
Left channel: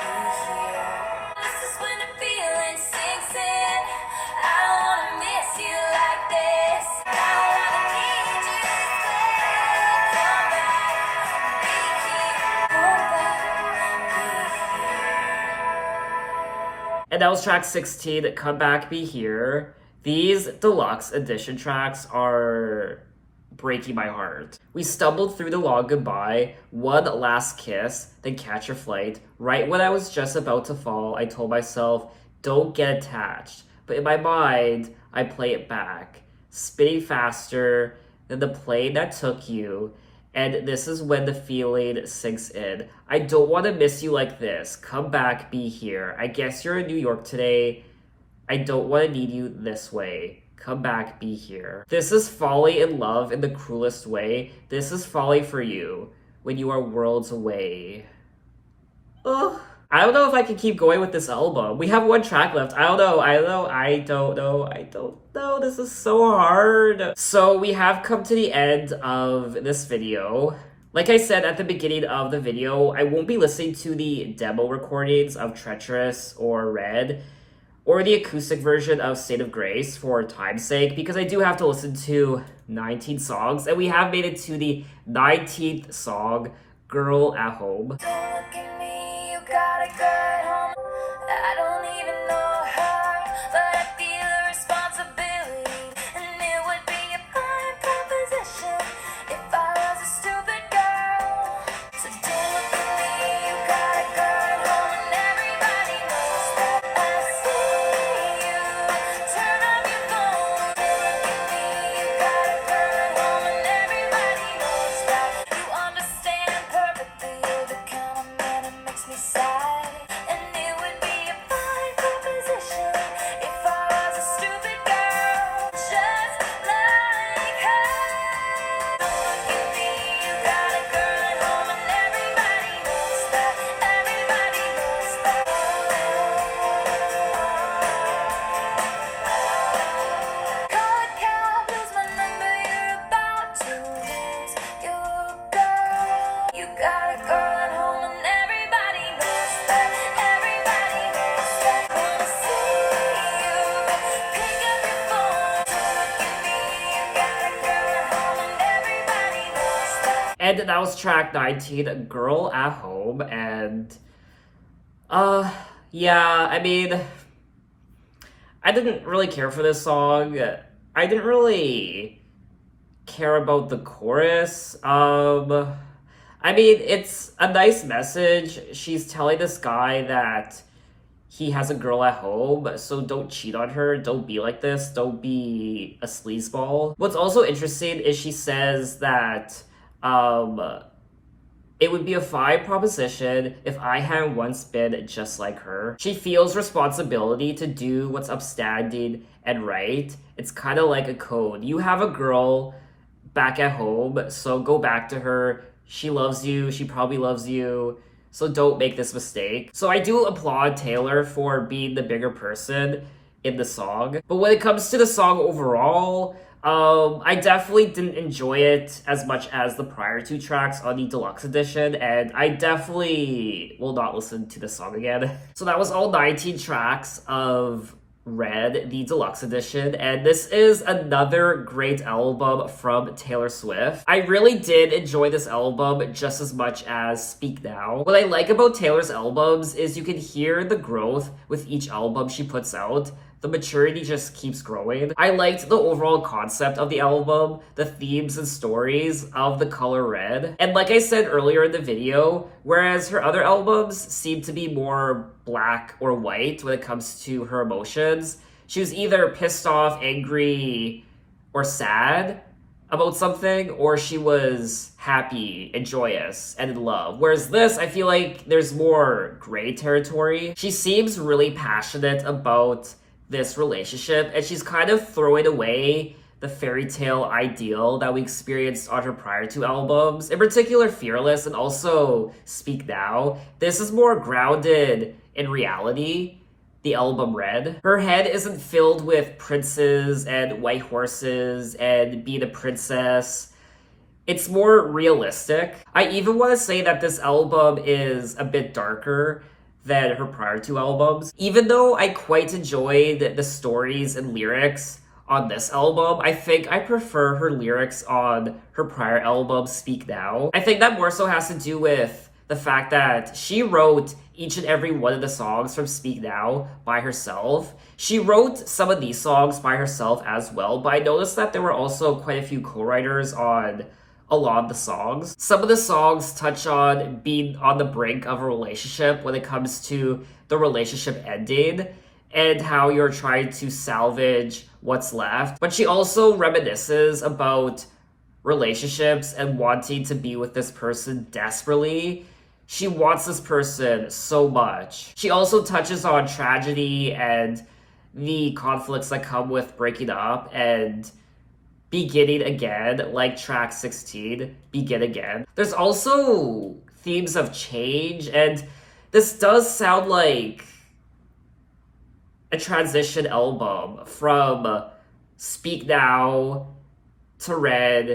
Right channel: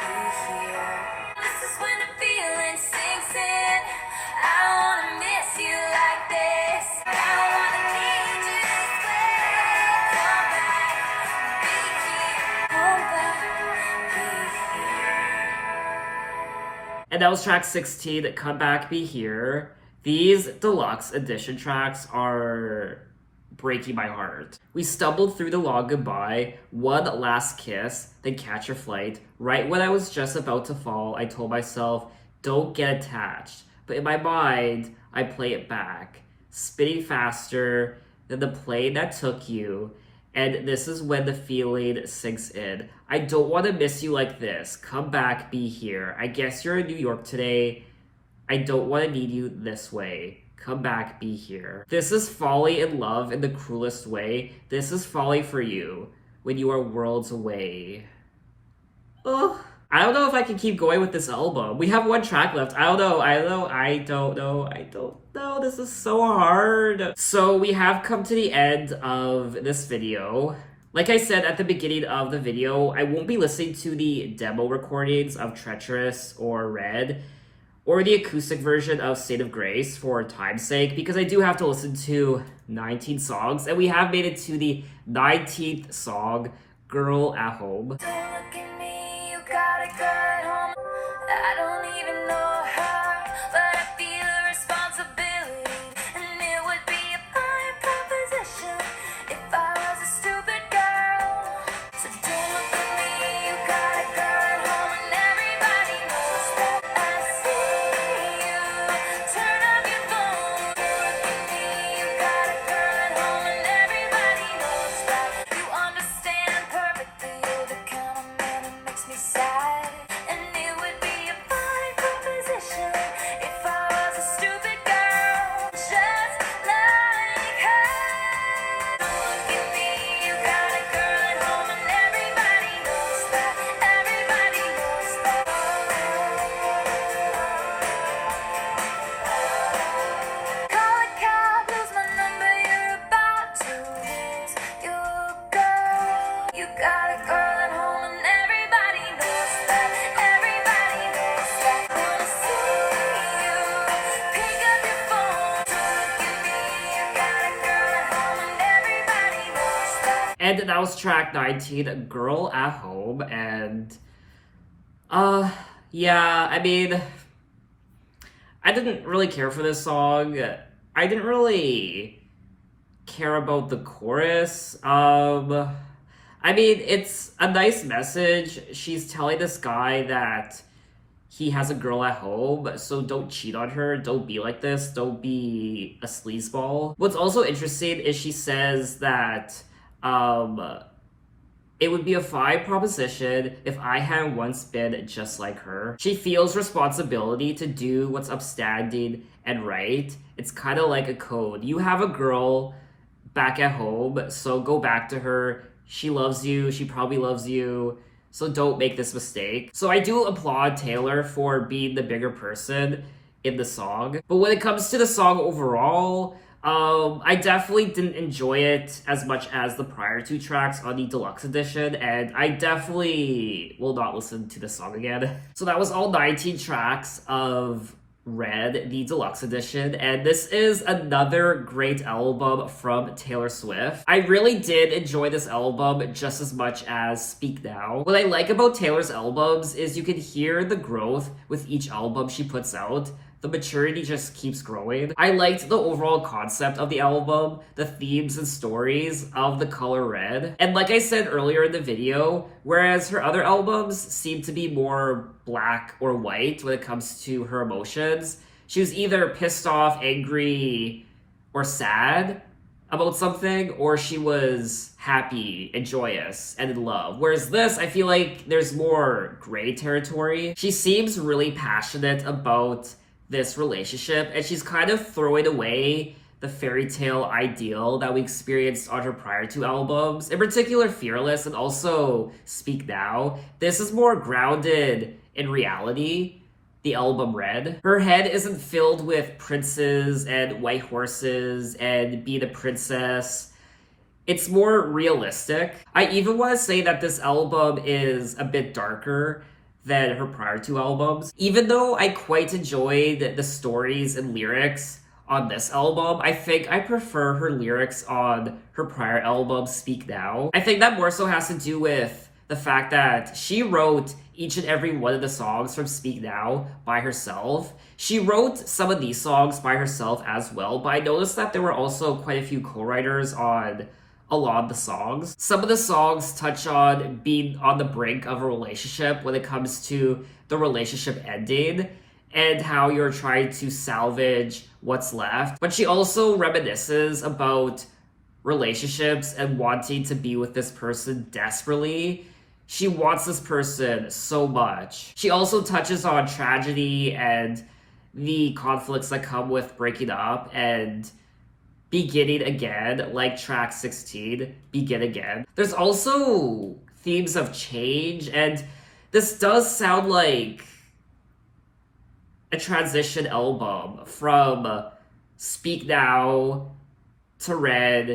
be here. This is when the feeling sinks in. I don't wanna miss you like this. I don't wanna need you this way. Come back, be here. Come back, be here. And that was track 16, Come Back, Be Here. These deluxe edition tracks are breaking my heart. We stumbled through the long goodbye, one last kiss, then catch your flight. Right when I was just about to fall, I told myself, don't get attached. But in my mind, I play it back, spinning faster than the plane that took you. And this is when the feeling sinks in. I don't want to miss you like this. Come back, be here. I guess you're in New York today. I don't want to need you this way. Come back, be here. This is falling in love in the cruelest way. This is falling for you when you are worlds away. Ugh. I don't know if I can keep going with this album. We have one track left. I don't know. This is so hard. So we have come to the end of this video. Like I said at the beginning of the video, I won't be listening to the demo recordings of Treacherous or Red, or the acoustic version of State of Grace for time's sake, because I do have to listen to 19 songs, and we have made it to the 19th song, Girl at Home. Don't look at me, you got a girl at home. I don't even know her, but I feel a responsibility, and it would be a fine proposition if I was a stupid girl. So don't look at me, you got a girl at home, and everybody knows that. I see you, turn on your phone. Don't look at me, you got a girl at home, and everybody knows that. You understand perfectly, you're the kind of man that makes me sad, and it would be a fine proposition if I was a stupid girl, just like her. Don't look at me, you got a girl at home, and everybody knows that. Everybody knows that. Call a cab, lose my number, you're about to lose your girl. You got a girl at home, and everybody knows that. Everybody knows that. Wanna see you, pick up your phone. Don't look at me, you got a girl at home, and everybody knows that. And that was track 19, Girl at Home, and yeah, I mean, I didn't really care for this song. I didn't really care about the chorus. I mean, it's a nice message. She's telling this guy that he has a girl at home, so don't cheat on her, don't be like this, don't be a sleazeball. What's also interesting is she says that it would be a fine proposition if I had once been just like her. She feels responsibility to do what's upstanding and right. It's kind of like a code. You have a girl back at home, so go back to her. She loves you, she probably loves you, so don't make this mistake. So I do applaud Taylor for being the bigger person in the song. But when it comes to the song overall, I definitely didn't enjoy it as much as the prior two tracks on the deluxe edition, and I definitely will not listen to the song again. So that was all 19 tracks of Red, the deluxe edition, and this is another great album from Taylor Swift. I really did enjoy this album just as much as Speak Now. What I like about Taylor's albums is you can hear the growth with each album she puts out. The maturity just keeps growing. I liked the overall concept of the album, the themes and stories of the color red. And like I said earlier in the video, whereas her other albums seem to be more black or white when it comes to her emotions, she was either pissed off, angry, or sad about something, or she was happy and joyous and in love. Whereas this, I feel like there's more gray territory. She seems really passionate about this relationship, and she's kind of throwing away the fairy tale ideal that we experienced on her prior two albums, in particular Fearless and also Speak Now. This is more grounded in reality, the album Red. Her head isn't filled with princes and white horses and being a princess. It's more realistic. I even want to say that this album is a bit darker than her prior two albums. Even though I quite enjoyed the stories and lyrics on this album, I think I prefer her lyrics on her prior album, Speak Now. I think that more so has to do with the fact that she wrote each and every one of the songs from Speak Now by herself. She wrote some of these songs by herself as well, but I noticed that there were also quite a few co-writers on a lot of the songs. Some of the songs touch on being on the brink of a relationship when it comes to the relationship ending and how you're trying to salvage what's left. But she also reminisces about relationships and wanting to be with this person desperately. She wants this person so much. She also touches on tragedy and the conflicts that come with breaking up and beginning again, like track 16, Begin Again. There's also themes of change, and this does sound like a transition album from Speak Now to Red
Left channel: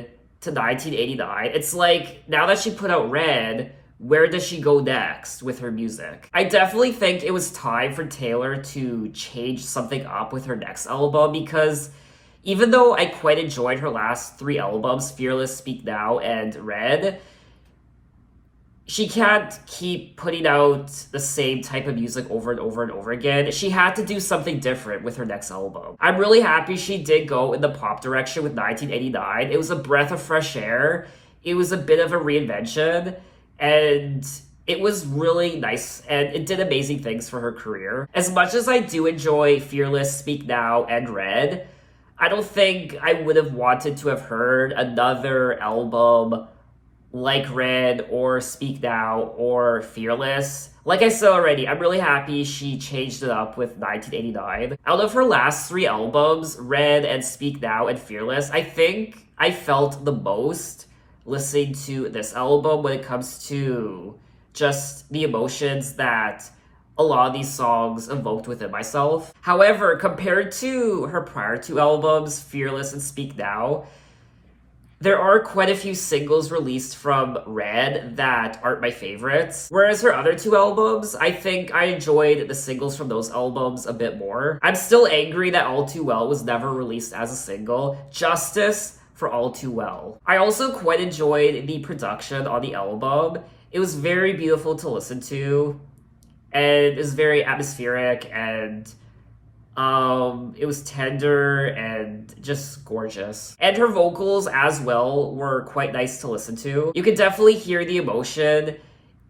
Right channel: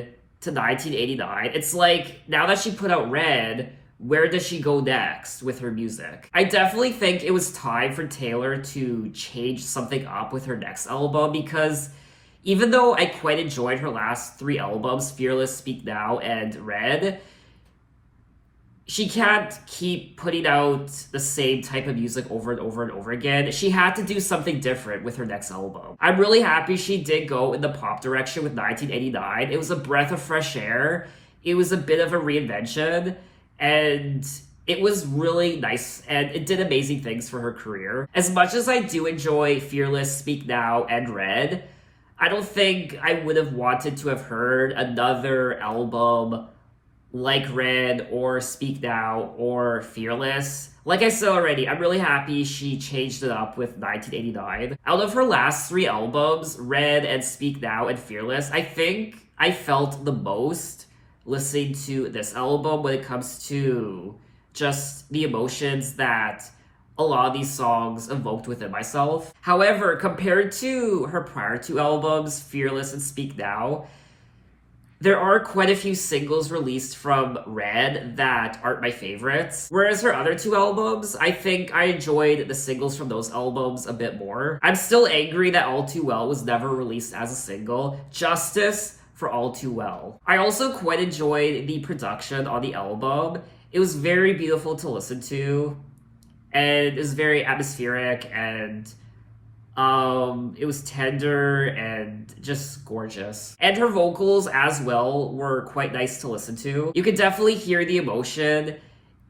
to 1989. It's like, now that she put out Red, where does she go next with her music? I definitely think it was time for Taylor to change something up with her next album, because even though I quite enjoyed her last three albums, Fearless, Speak Now, and Red, she can't keep putting out the same type of music over and over and over again. She had to do something different with her next album. I'm really happy she did go in the pop direction with 1989. It was a breath of fresh air. It was a bit of a reinvention, and it was really nice, and it did amazing things for her career. As much as I do enjoy Fearless, Speak Now, and Red, I don't think I would have wanted to have heard another album like Red or Speak Now or Fearless. Like I said already, I'm really happy she changed it up with 1989. Out of her last three albums, Red and Speak Now and Fearless, I think I felt the most listening to this album when it comes to just the emotions that a lot of these songs evoked within myself. However, compared to her prior two albums, Fearless and Speak Now, there are quite a few singles released from Red that aren't my favorites. Whereas her other two albums, I think I enjoyed the singles from those albums a bit more. I'm still angry that All Too Well was never released as a single. Justice for All Too Well. I also quite enjoyed the production on the album. It was very beautiful to listen to, and it was very atmospheric, and it was tender and just gorgeous. And her vocals as well were quite nice to listen to. You can definitely hear the emotion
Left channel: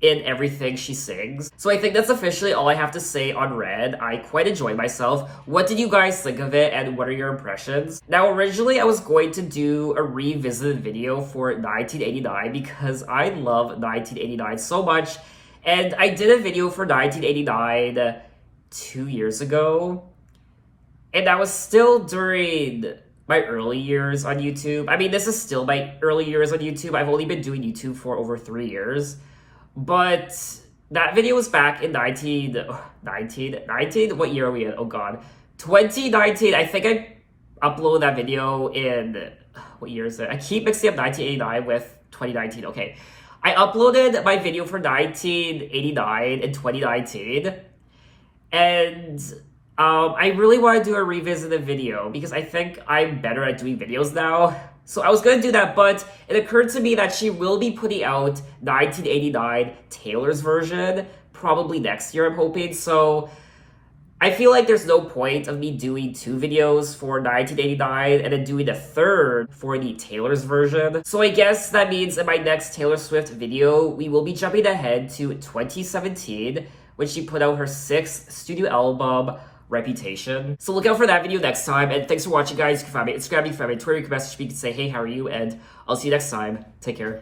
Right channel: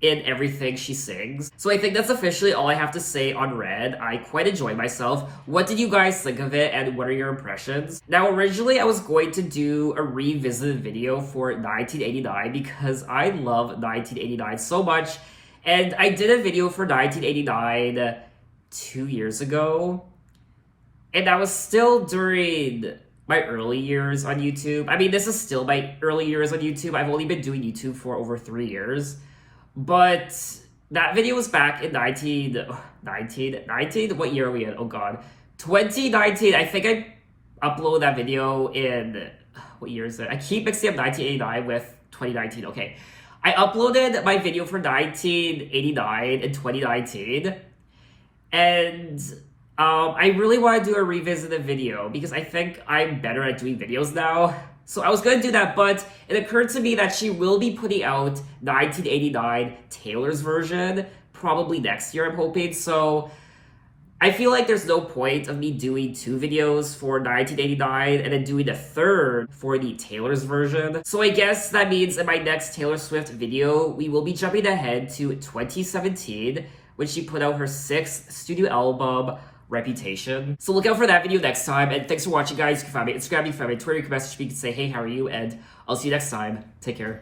in everything she sings. So I think that's officially all I have to say on Red. I quite enjoyed myself. What did you guys think of it, and what are your impressions? Now, originally I was going to do a revisited video for 1989 because I love 1989 so much. And I did a video for 1989 2 years ago. And that was still during my early years on YouTube. I mean, this is still my early years on YouTube. I've only been doing YouTube for over 3 years. But that video was back in 19? What year are we in? Oh god. 2019. I think I uploaded that video in, what year is it? I keep mixing up 1989 with 2019. Okay. I uploaded my video for 1989 in 2019. And I really want to do a revisited video because I think I'm better at doing videos now. So I was going to do that, but it occurred to me that she will be putting out 1989 Taylor's version probably next year, I'm hoping. So I feel like there's no point of me doing 2 videos for 1989 and then doing a third for the Taylor's version. So I guess that means in my next Taylor Swift video, we will be jumping ahead to 2017 when she put out her 6th studio album, Reputation. So look out for that video next time, and thanks for watching, guys. You can find me on Instagram, you can find me on Twitter, you can message me, you can say, hey, how are you? And I'll see you next time. Take care.